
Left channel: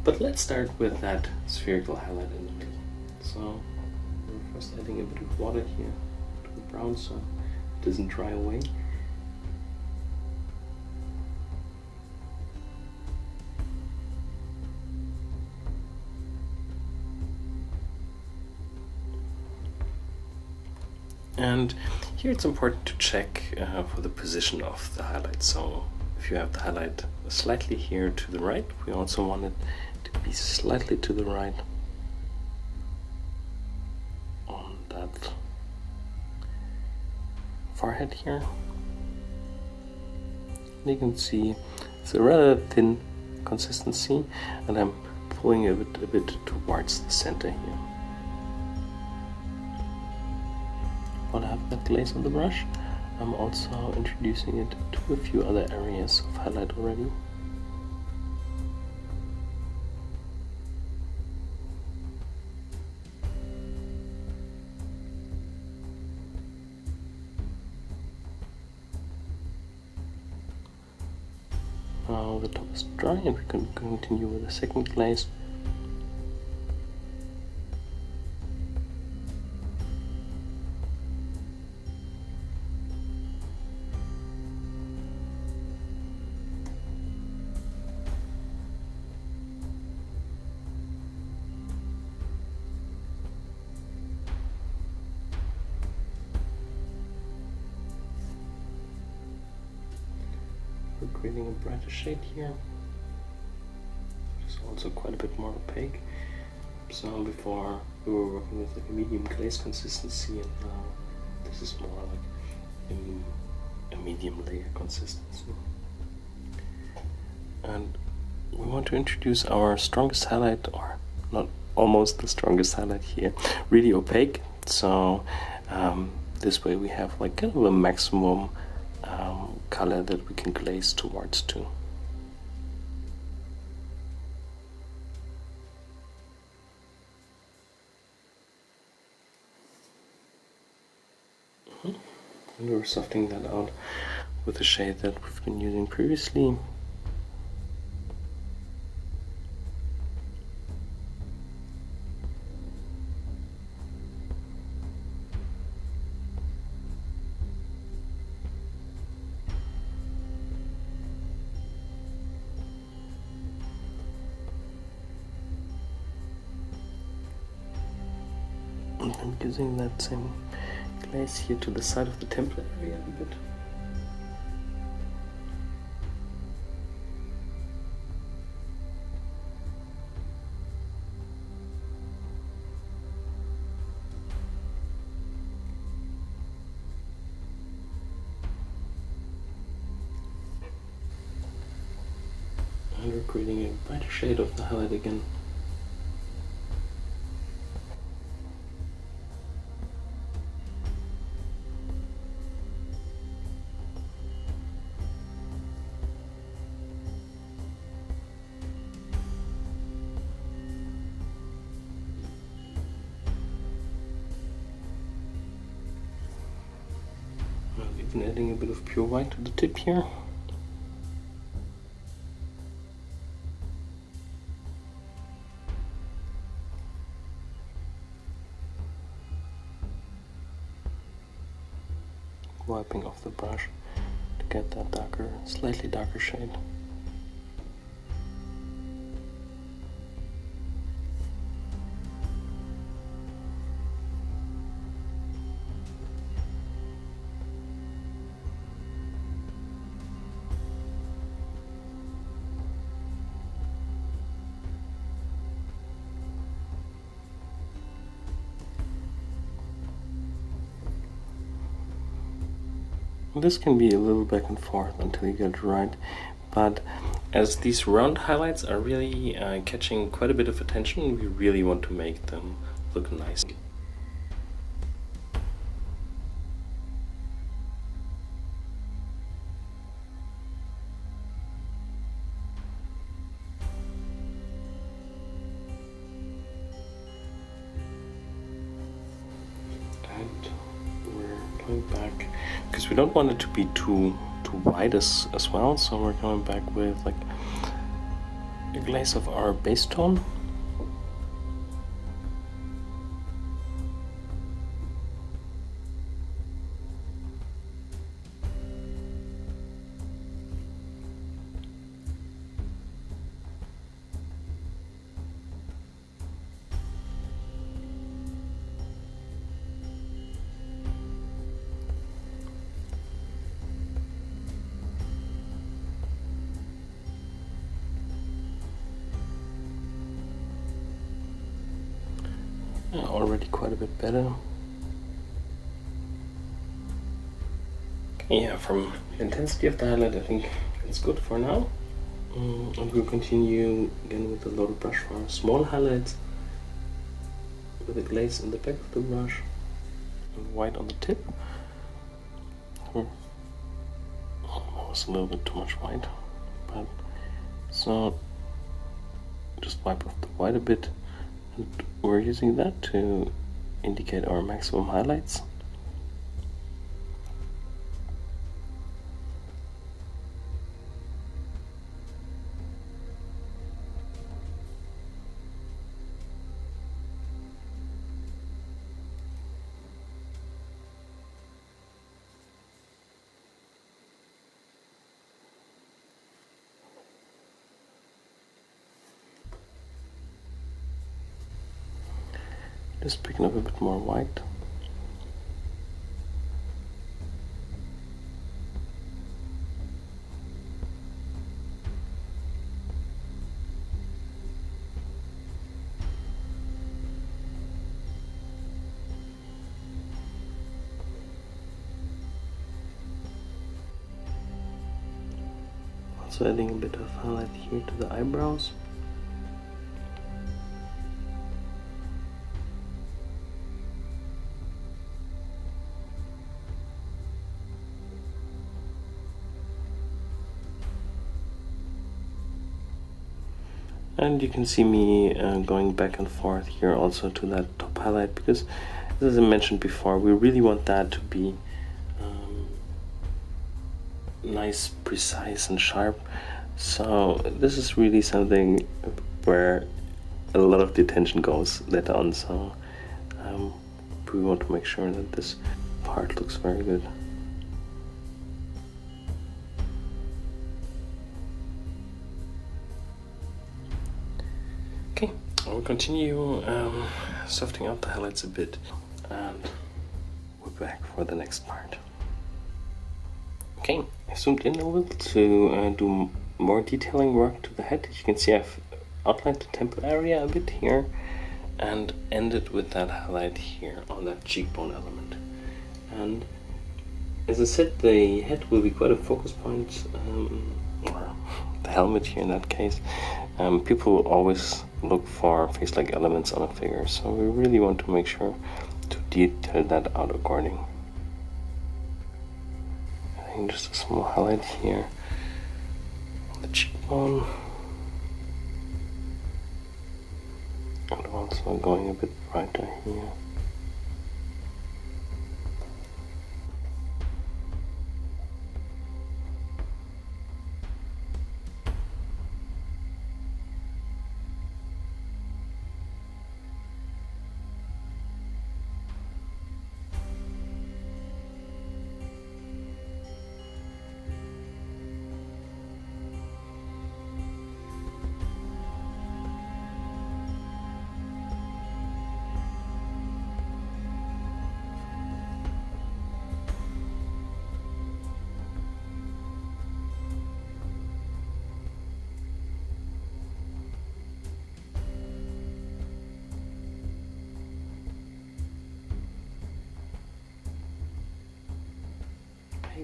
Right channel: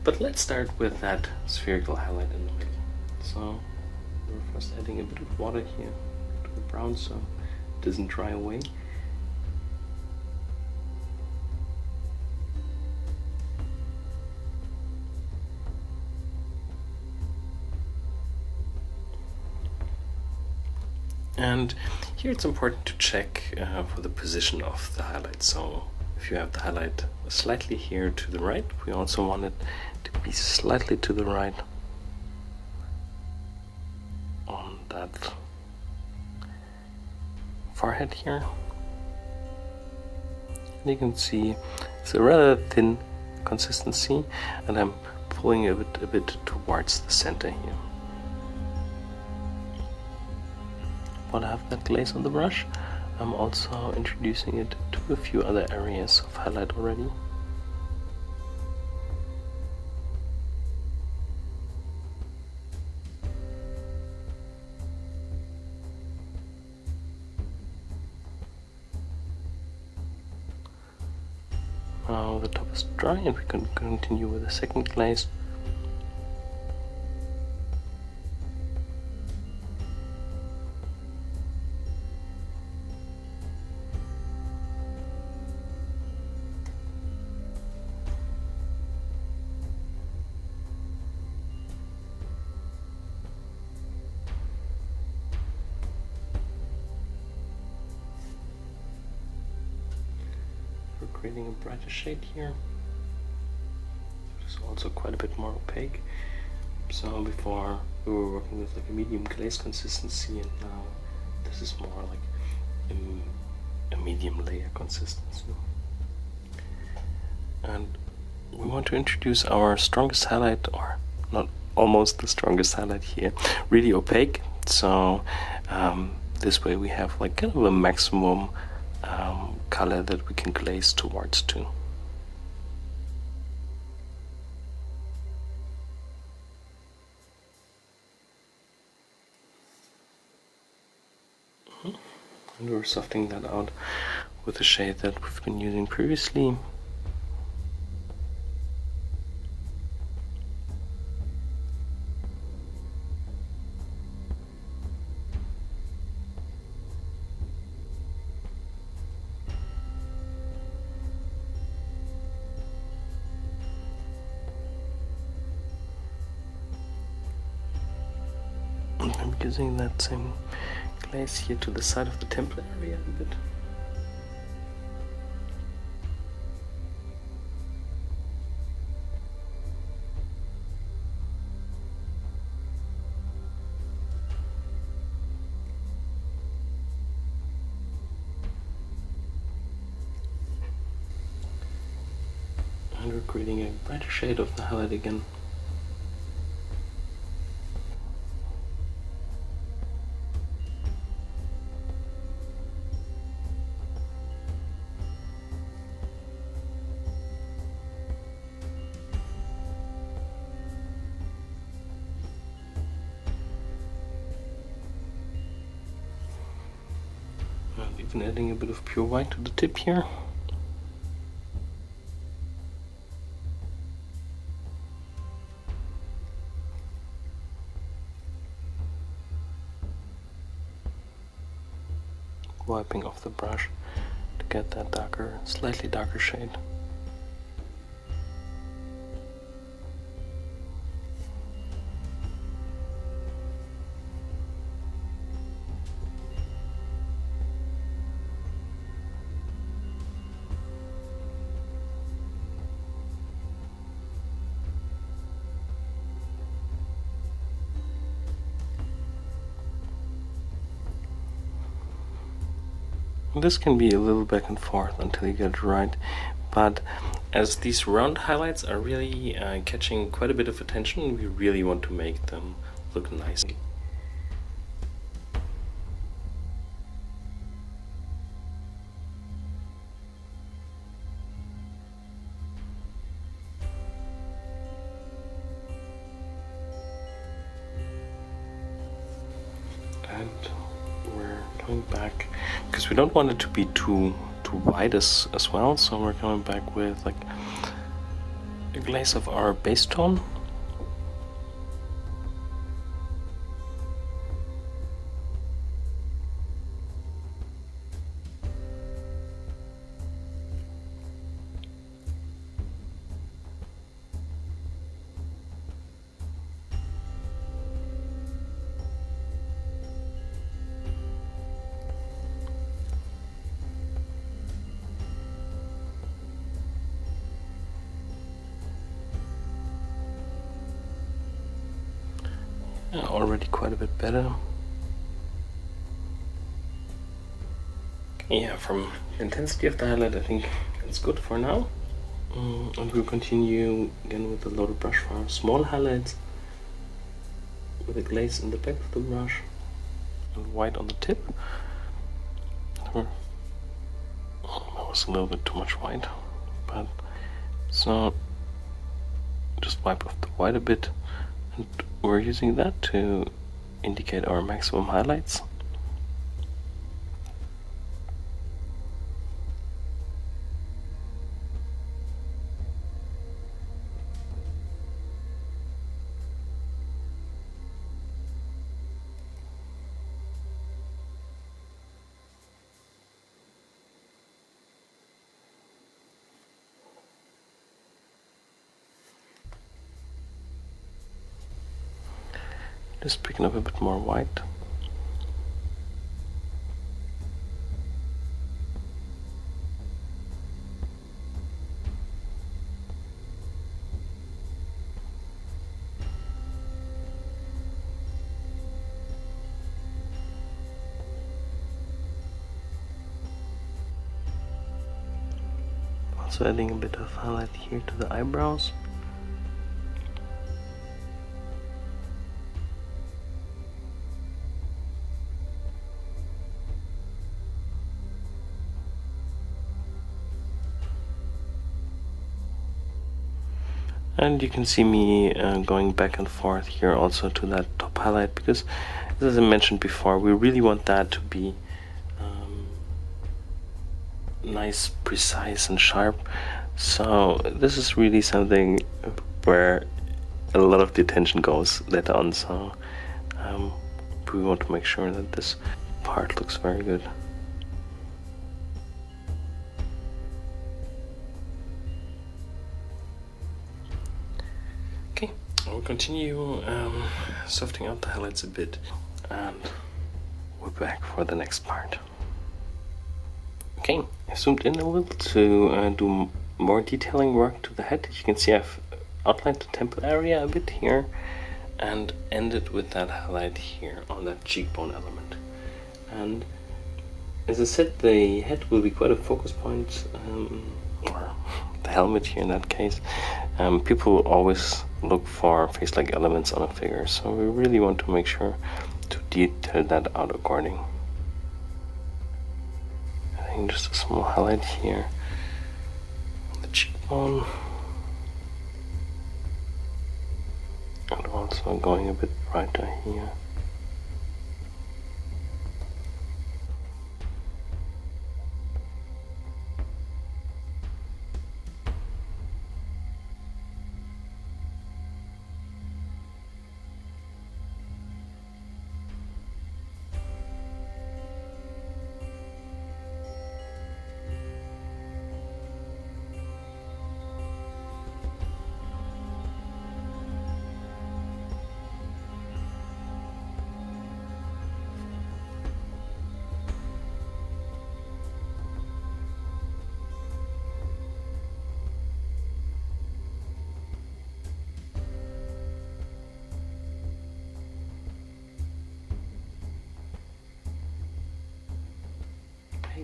But let's start with that spherical highlight in the middle. So we're first adding a bit of water here to the brown so it doesn't dry away. And here it's important to check for the position of the highlight. So if you have the highlight slightly here to the right, we also want it to be slightly to the right on that forehead here. And you can see it's a rather thin consistency, and I'm pulling a bit towards the center here. While I have that glaze on the brush, I'm also introducing it to a few other areas of highlight already. Now the top is dry and we can continue with the second glaze. We're creating a brighter shade here. It's also quite a bit more opaque. So before we were working with like a medium glaze consistency, and now this is more like a medium layer consistency. And we want to introduce our strongest highlight, or not almost the strongest highlight here, really opaque. So this way we have like kind of a maximum color that we can glaze towards too. And we're softening that out with the shade that we've been using previously. I'm using that same glaze here to the side of the temple area a bit. And we're creating a brighter shade of the highlight again. And even adding a bit of pure white to the tip here. Wiping off the brush to get that darker, slightly darker shade. This can be a little back and forth until you get it right, but as these round highlights are really catching quite a bit of attention, we really want to make them look nice. And we're going back because we don't want it to be too white as well, so we're coming back with like a glaze of our base tone. Already quite a bit better. Okay, yeah, from the intensity of the highlight, I think it's good for now. And we'll continue again with the loaded brush for our small highlights, with a glaze in the back of the brush and white on the tip. Oh, that was a little bit too much white, but so just wipe off the white a bit. And we're using that to indicate our maximum highlights. Just picking up a bit more white. Also adding a bit of highlight here to the eyebrows. And you can see me going back and forth here also to that top highlight, because as I mentioned before, we really want that to be nice, precise and sharp. So this is really something where a lot of the attention goes later on, so we want to make sure that this part looks very good. We'll continue softening out the highlights a bit, and we're back for the next part. Okay, I zoomed in a little to do more detailing work to the head. You can see I've outlined the temple area a bit here and ended with that highlight here on that cheekbone element. And as I said, the head will be quite a focus point, or the helmet here in that case. People always look for face-like elements on a figure, so we really want to make sure to detail that out according. I think just a small highlight here on the cheekbone, and also going a bit brighter here.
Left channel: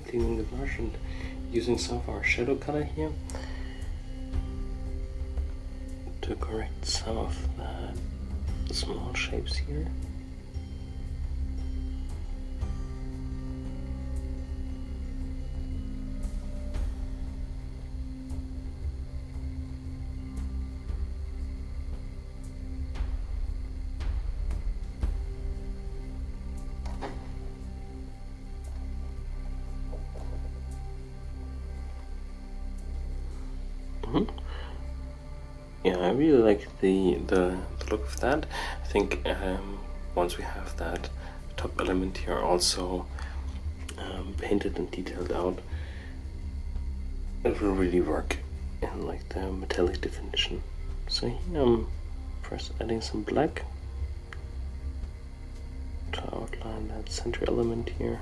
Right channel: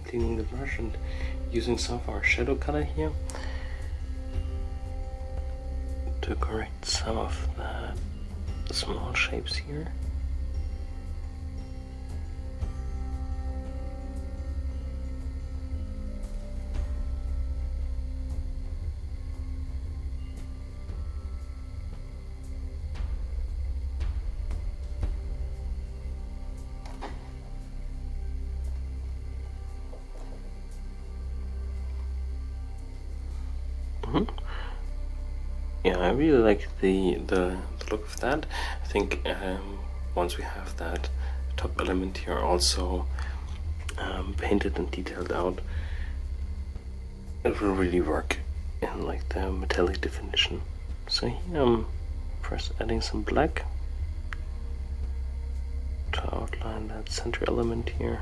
cleaning the brush and using some of our shadow color here to correct some of the small shapes here. Yeah, I really like the look of that. I think once we have that top element here also painted and detailed out, it will really work in like the metallic definition. So here I'm first adding some black to outline that center element here.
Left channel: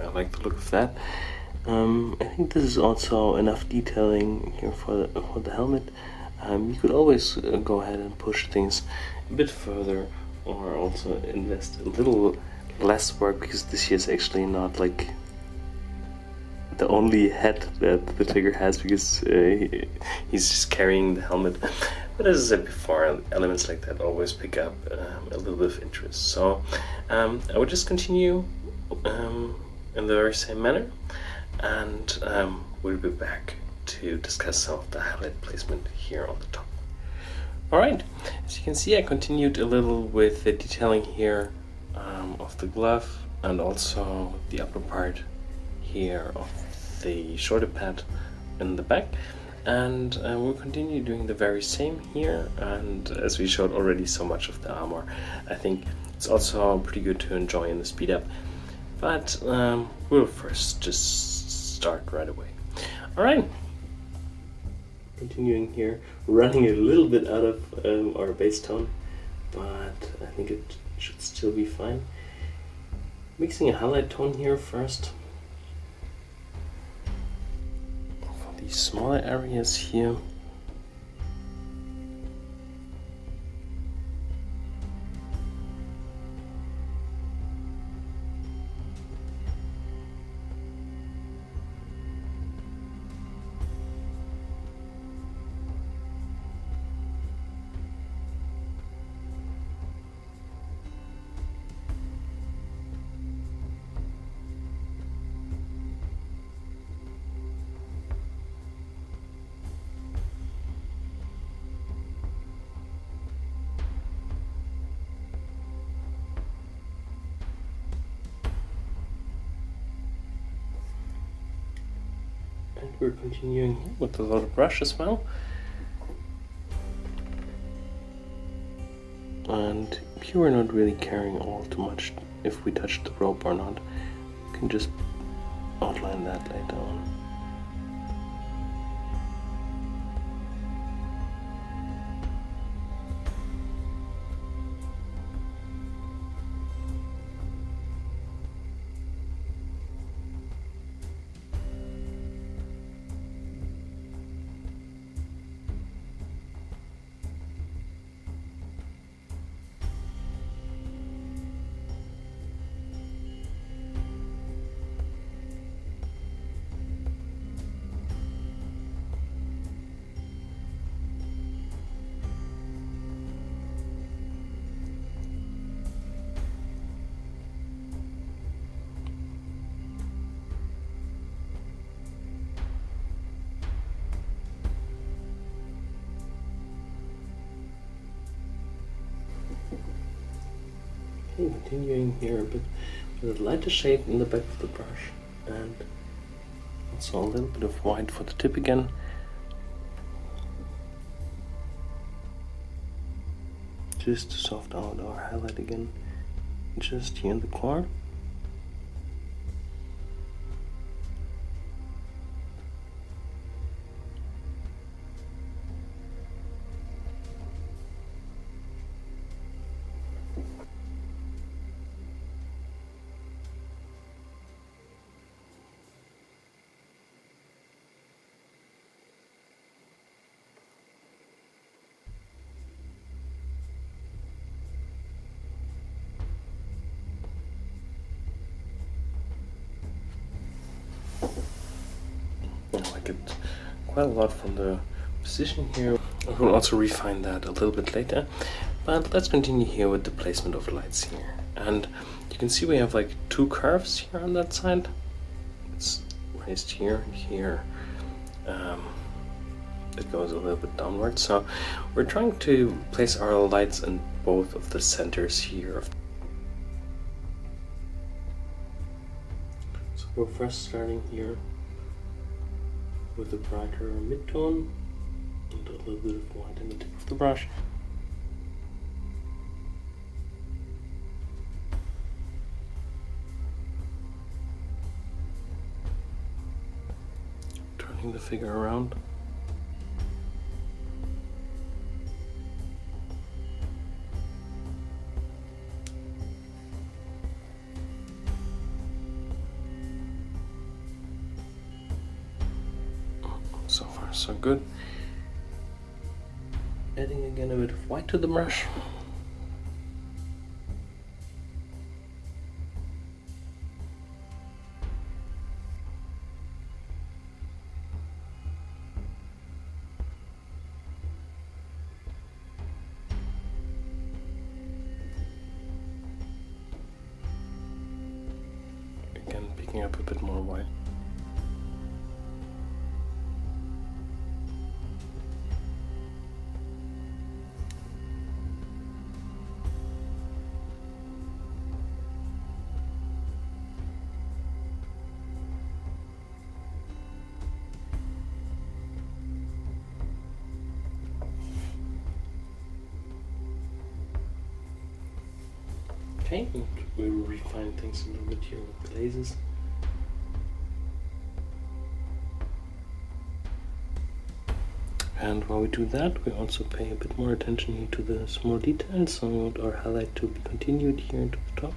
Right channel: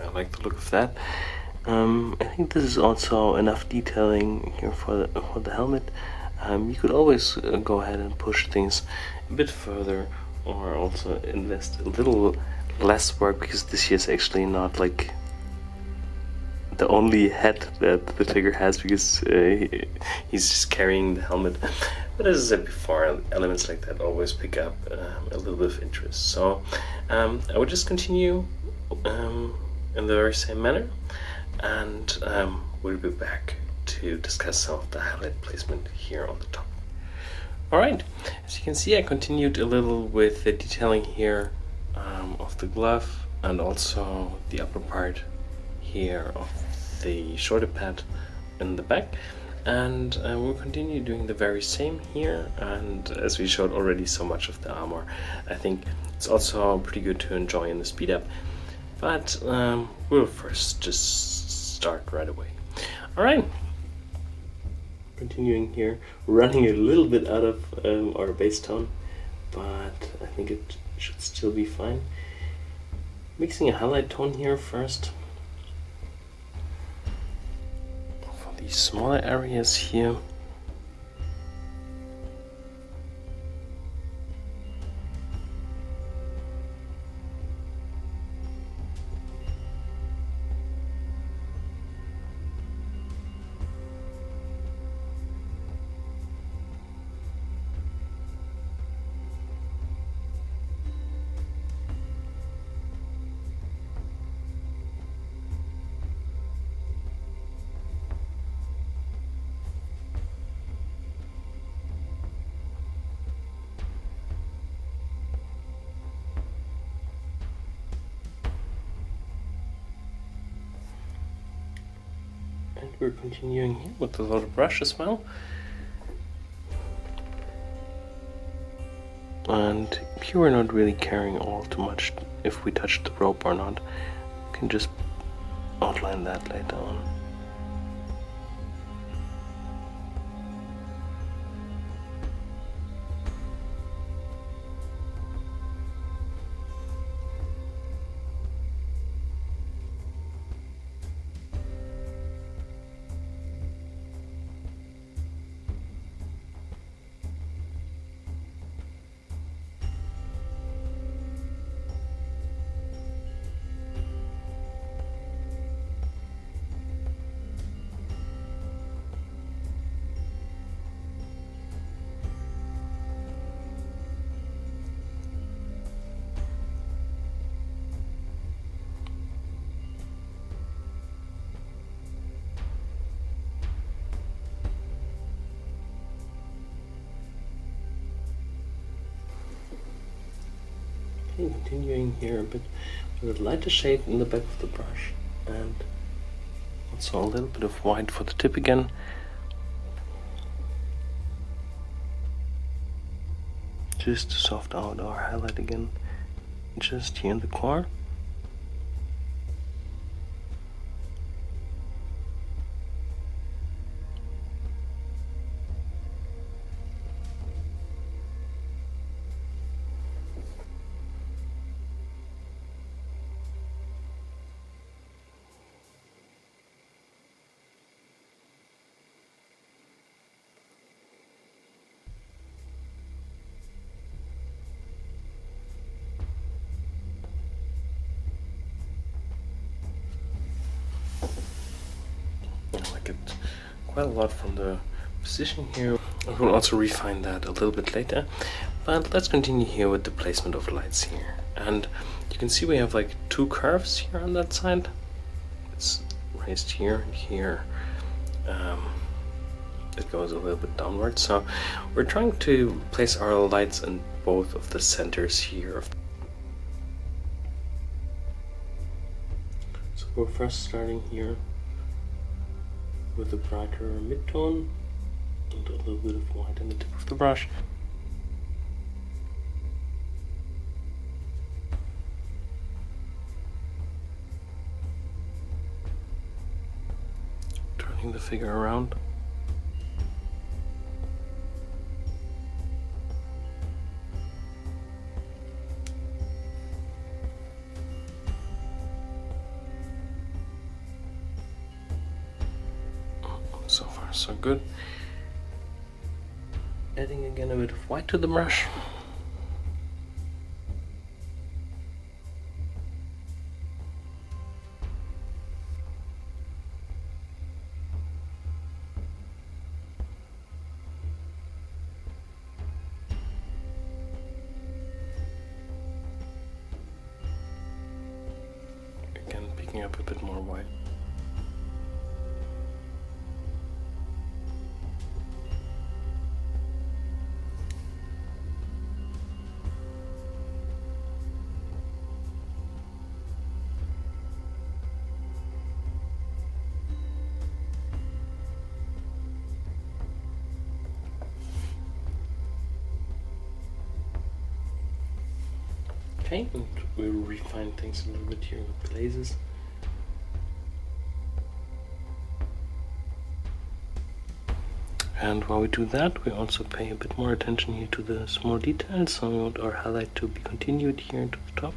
I like the look of that. I think this is also enough detailing here for the helmet. You could always go ahead and push things a bit further, or also invest a little less work, because this here is actually not like the only head that the figure has, because he's just carrying the helmet. But as I said before, elements like that always pick up a little bit of interest. So I would just continue in the very same manner, and we'll be back to discuss some of the highlight placement here on the top. Alright, as you can see, I continued a little with the detailing here of the glove, and also the upper part here of the shoulder pad in the back, and we'll continue doing the very same here. And as we showed already so much of the armor, I think it's also pretty good to enjoy in the speed up, but we'll first just start right away. Alright, continuing here, running a little bit out of our base tone, but I think it should still be fine. Mixing a highlight tone here first for these smaller areas here. And we're continuing here with the loaded brush as well. And here we're not really caring all too much if we touch the rope or not. We can just outline that later on. Okay, continuing here a bit with a lighter shade in the back of the brush, and also a little bit of white for the tip again. Just to soft out our highlight again, just here in the corner. quite a lot from the position here. We'll also refine that a little bit later, but let's continue here with the placement of lights here. And you can see we have like two curves here on that side. It's raised here and here. It goes a little bit downwards, so we're trying to place our lights in both of the centers here. So we're first starting here with a brighter mid-tone and a little bit of white in the tip of the brush. Turning the figure around. So far so good. Adding again a bit of white to the brush. Again, picking up a bit more white. Okay, and we'll refine things a little bit here with glazes. And while we do that, we also pay a bit more attention here to the small details. So we want our highlight to be continued here into the top.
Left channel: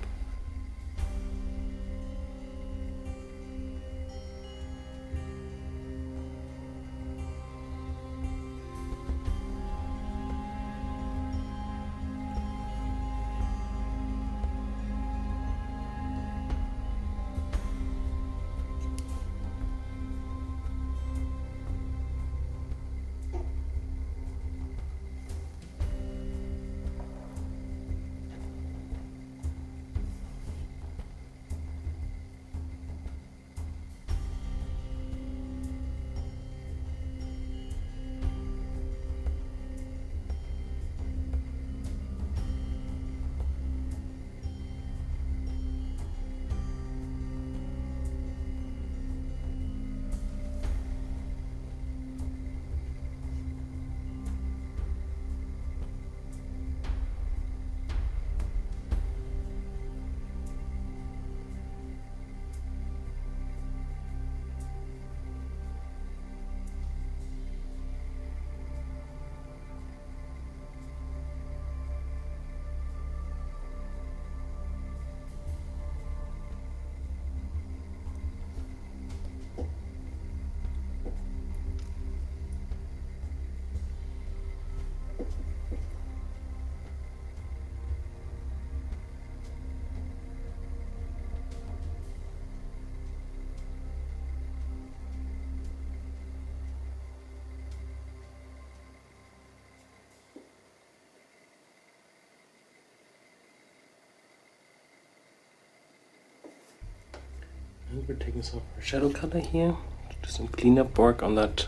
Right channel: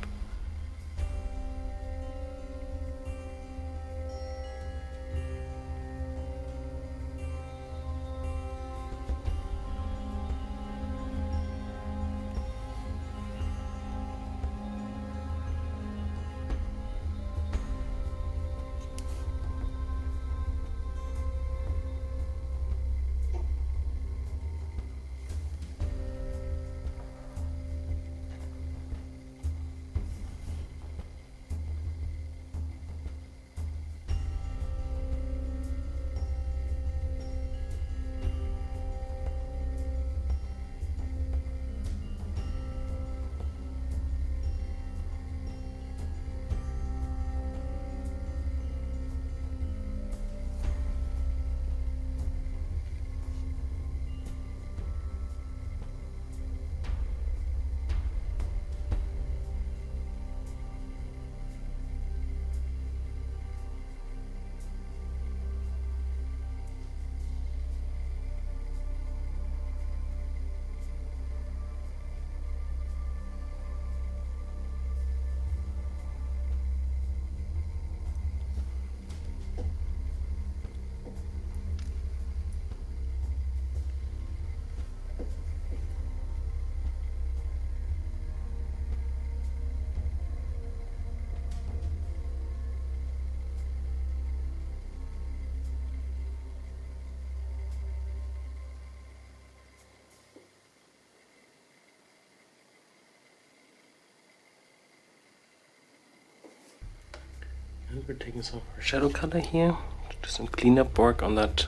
And we're taking some of our shadow color here to do some cleanup work on that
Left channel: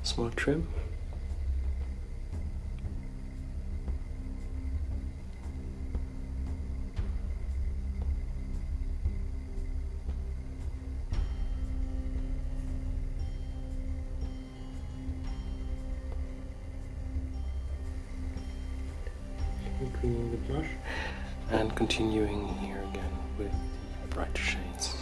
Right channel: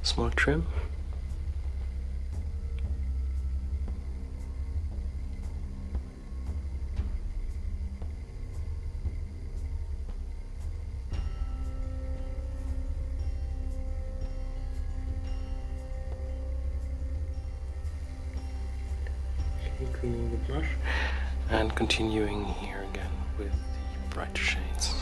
small trim. Okay, cleaning the brush and continuing here again with the brighter shades.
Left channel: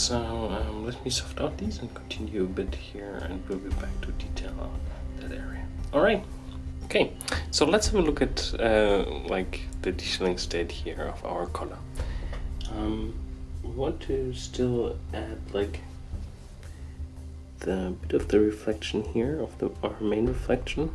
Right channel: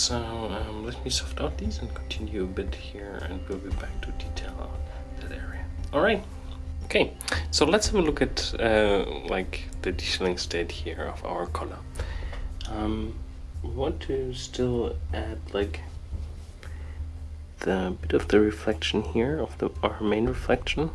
so let me soft out these and continue a bit here, and we'll be back to detail on that area. All right. Okay, so let's have a look at like the detailing state here of our color. We want to still add like the bit of the reflection here of our main reflection.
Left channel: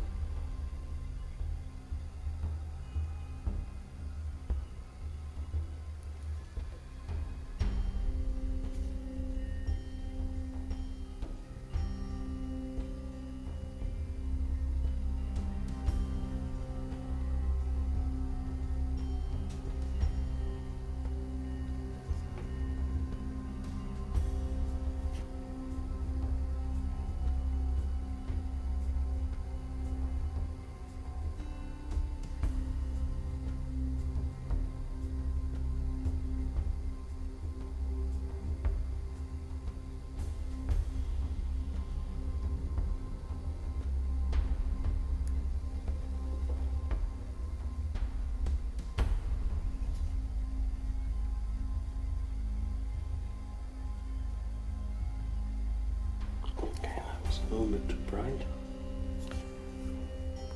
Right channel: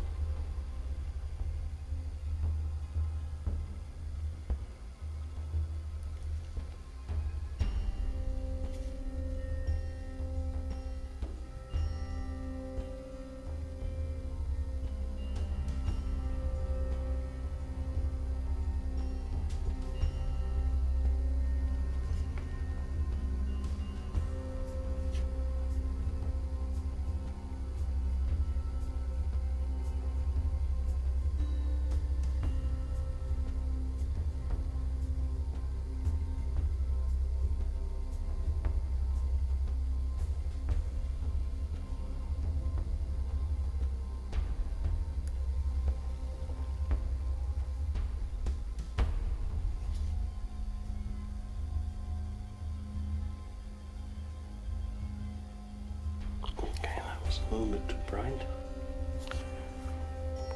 A little bit too bright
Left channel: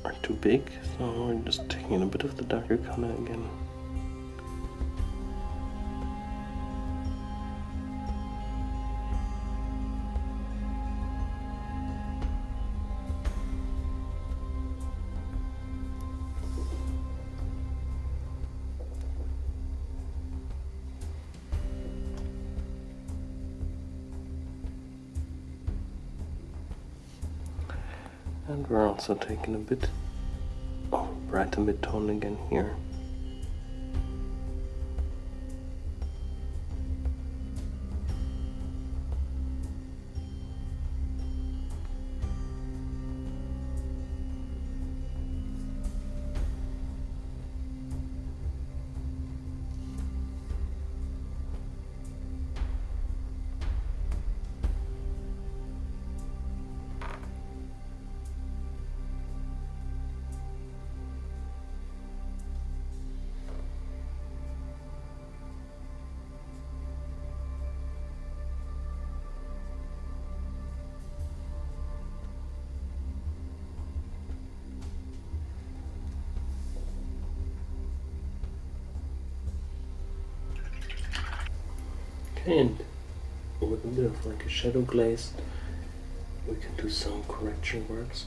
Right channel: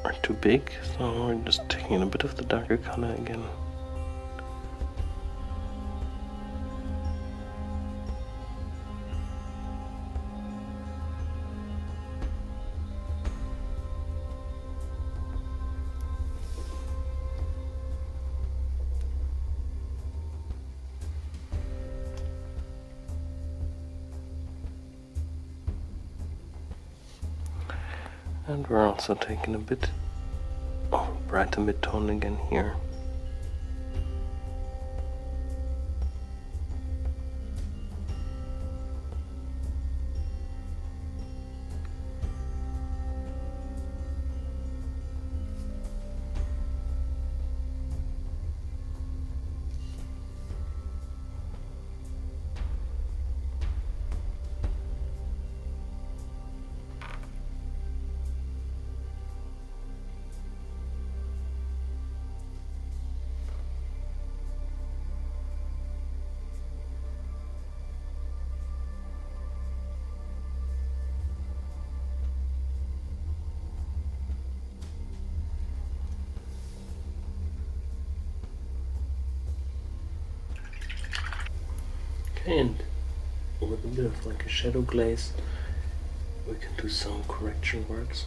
or too big, so we're just taking a bit of the darker color again. And we're also taking a bit of brighter mid-tone again here. Okay, and with a bit of like a shadow glaze, we can do some correction works.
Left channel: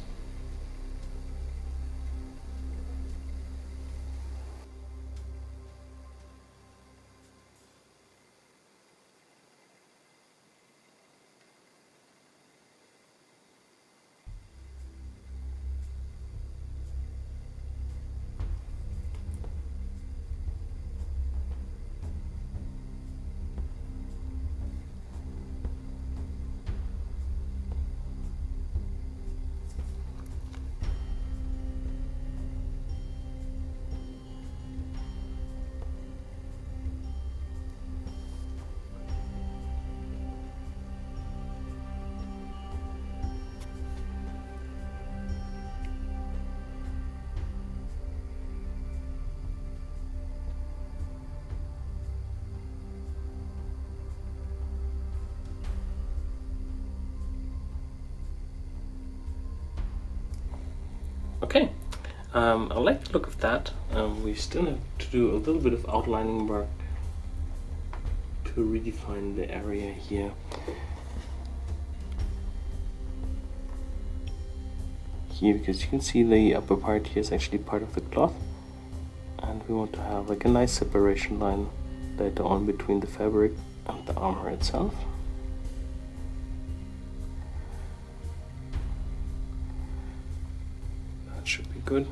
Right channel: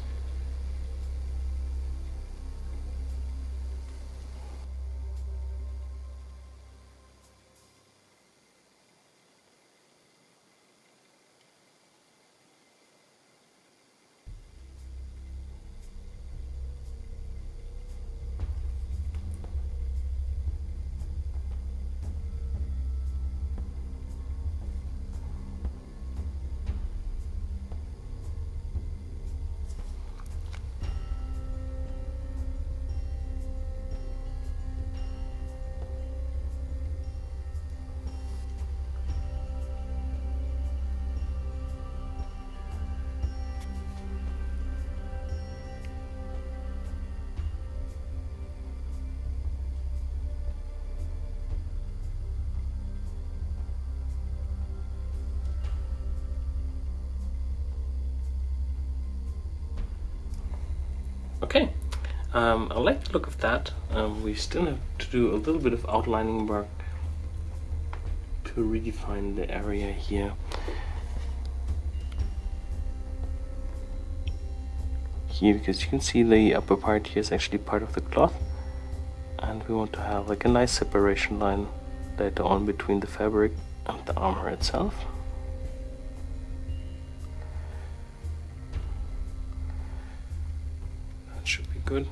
Okay, I like the look of that. We still have to do a little bit of outlining work to redefine the area here. Here, because you can see the upper part here is actually part of the cloth, and we want to have like a nice separation line later on between the fabric and the armor itself. Should be good.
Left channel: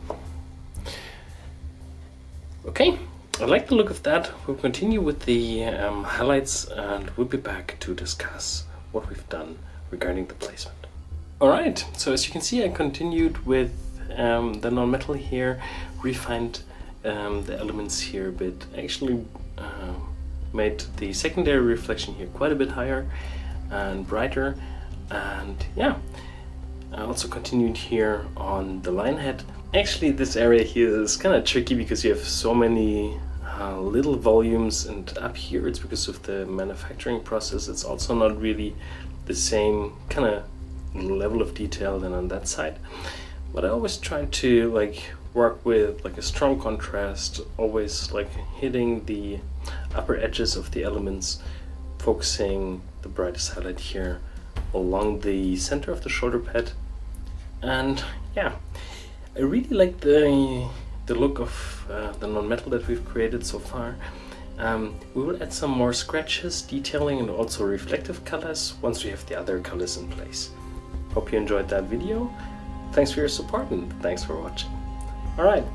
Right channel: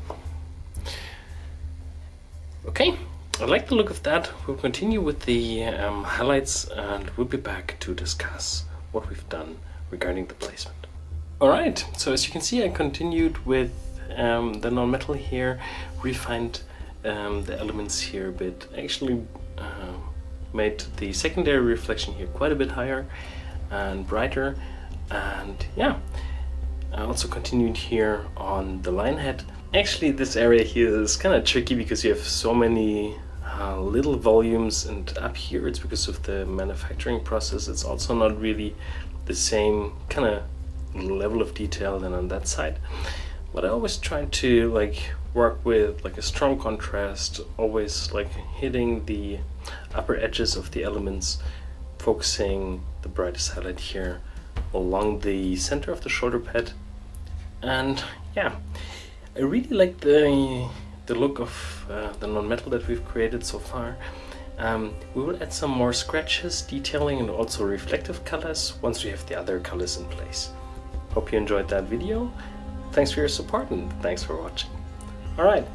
Okay, I like the look of that. We'll continue with the highlights, and we'll be back to discuss what we've done regarding the placement. Alright, so as you can see, I continued with the non-metal here, refined the elements here a bit, actually made the secondary reflection here quite a bit higher and brighter, and yeah. I also continued here on the line head. Actually, this area here is kind of tricky because you have so many little volumes, and up here it's because of the manufacturing process. It's also not really the same kind of level of detail than on that side. But I always try to like work with like a strong contrast, always like hitting the upper edges of the elements, focusing the brightest highlight here along the center of the shoulder pad. And yeah, I really like the look of the non-metal that we've created so far. We will add some more scratches, detailing, and also reflective colors once we have the other colors in place. Hope you enjoyed that video. Thanks for your support and thanks for watching. Alright,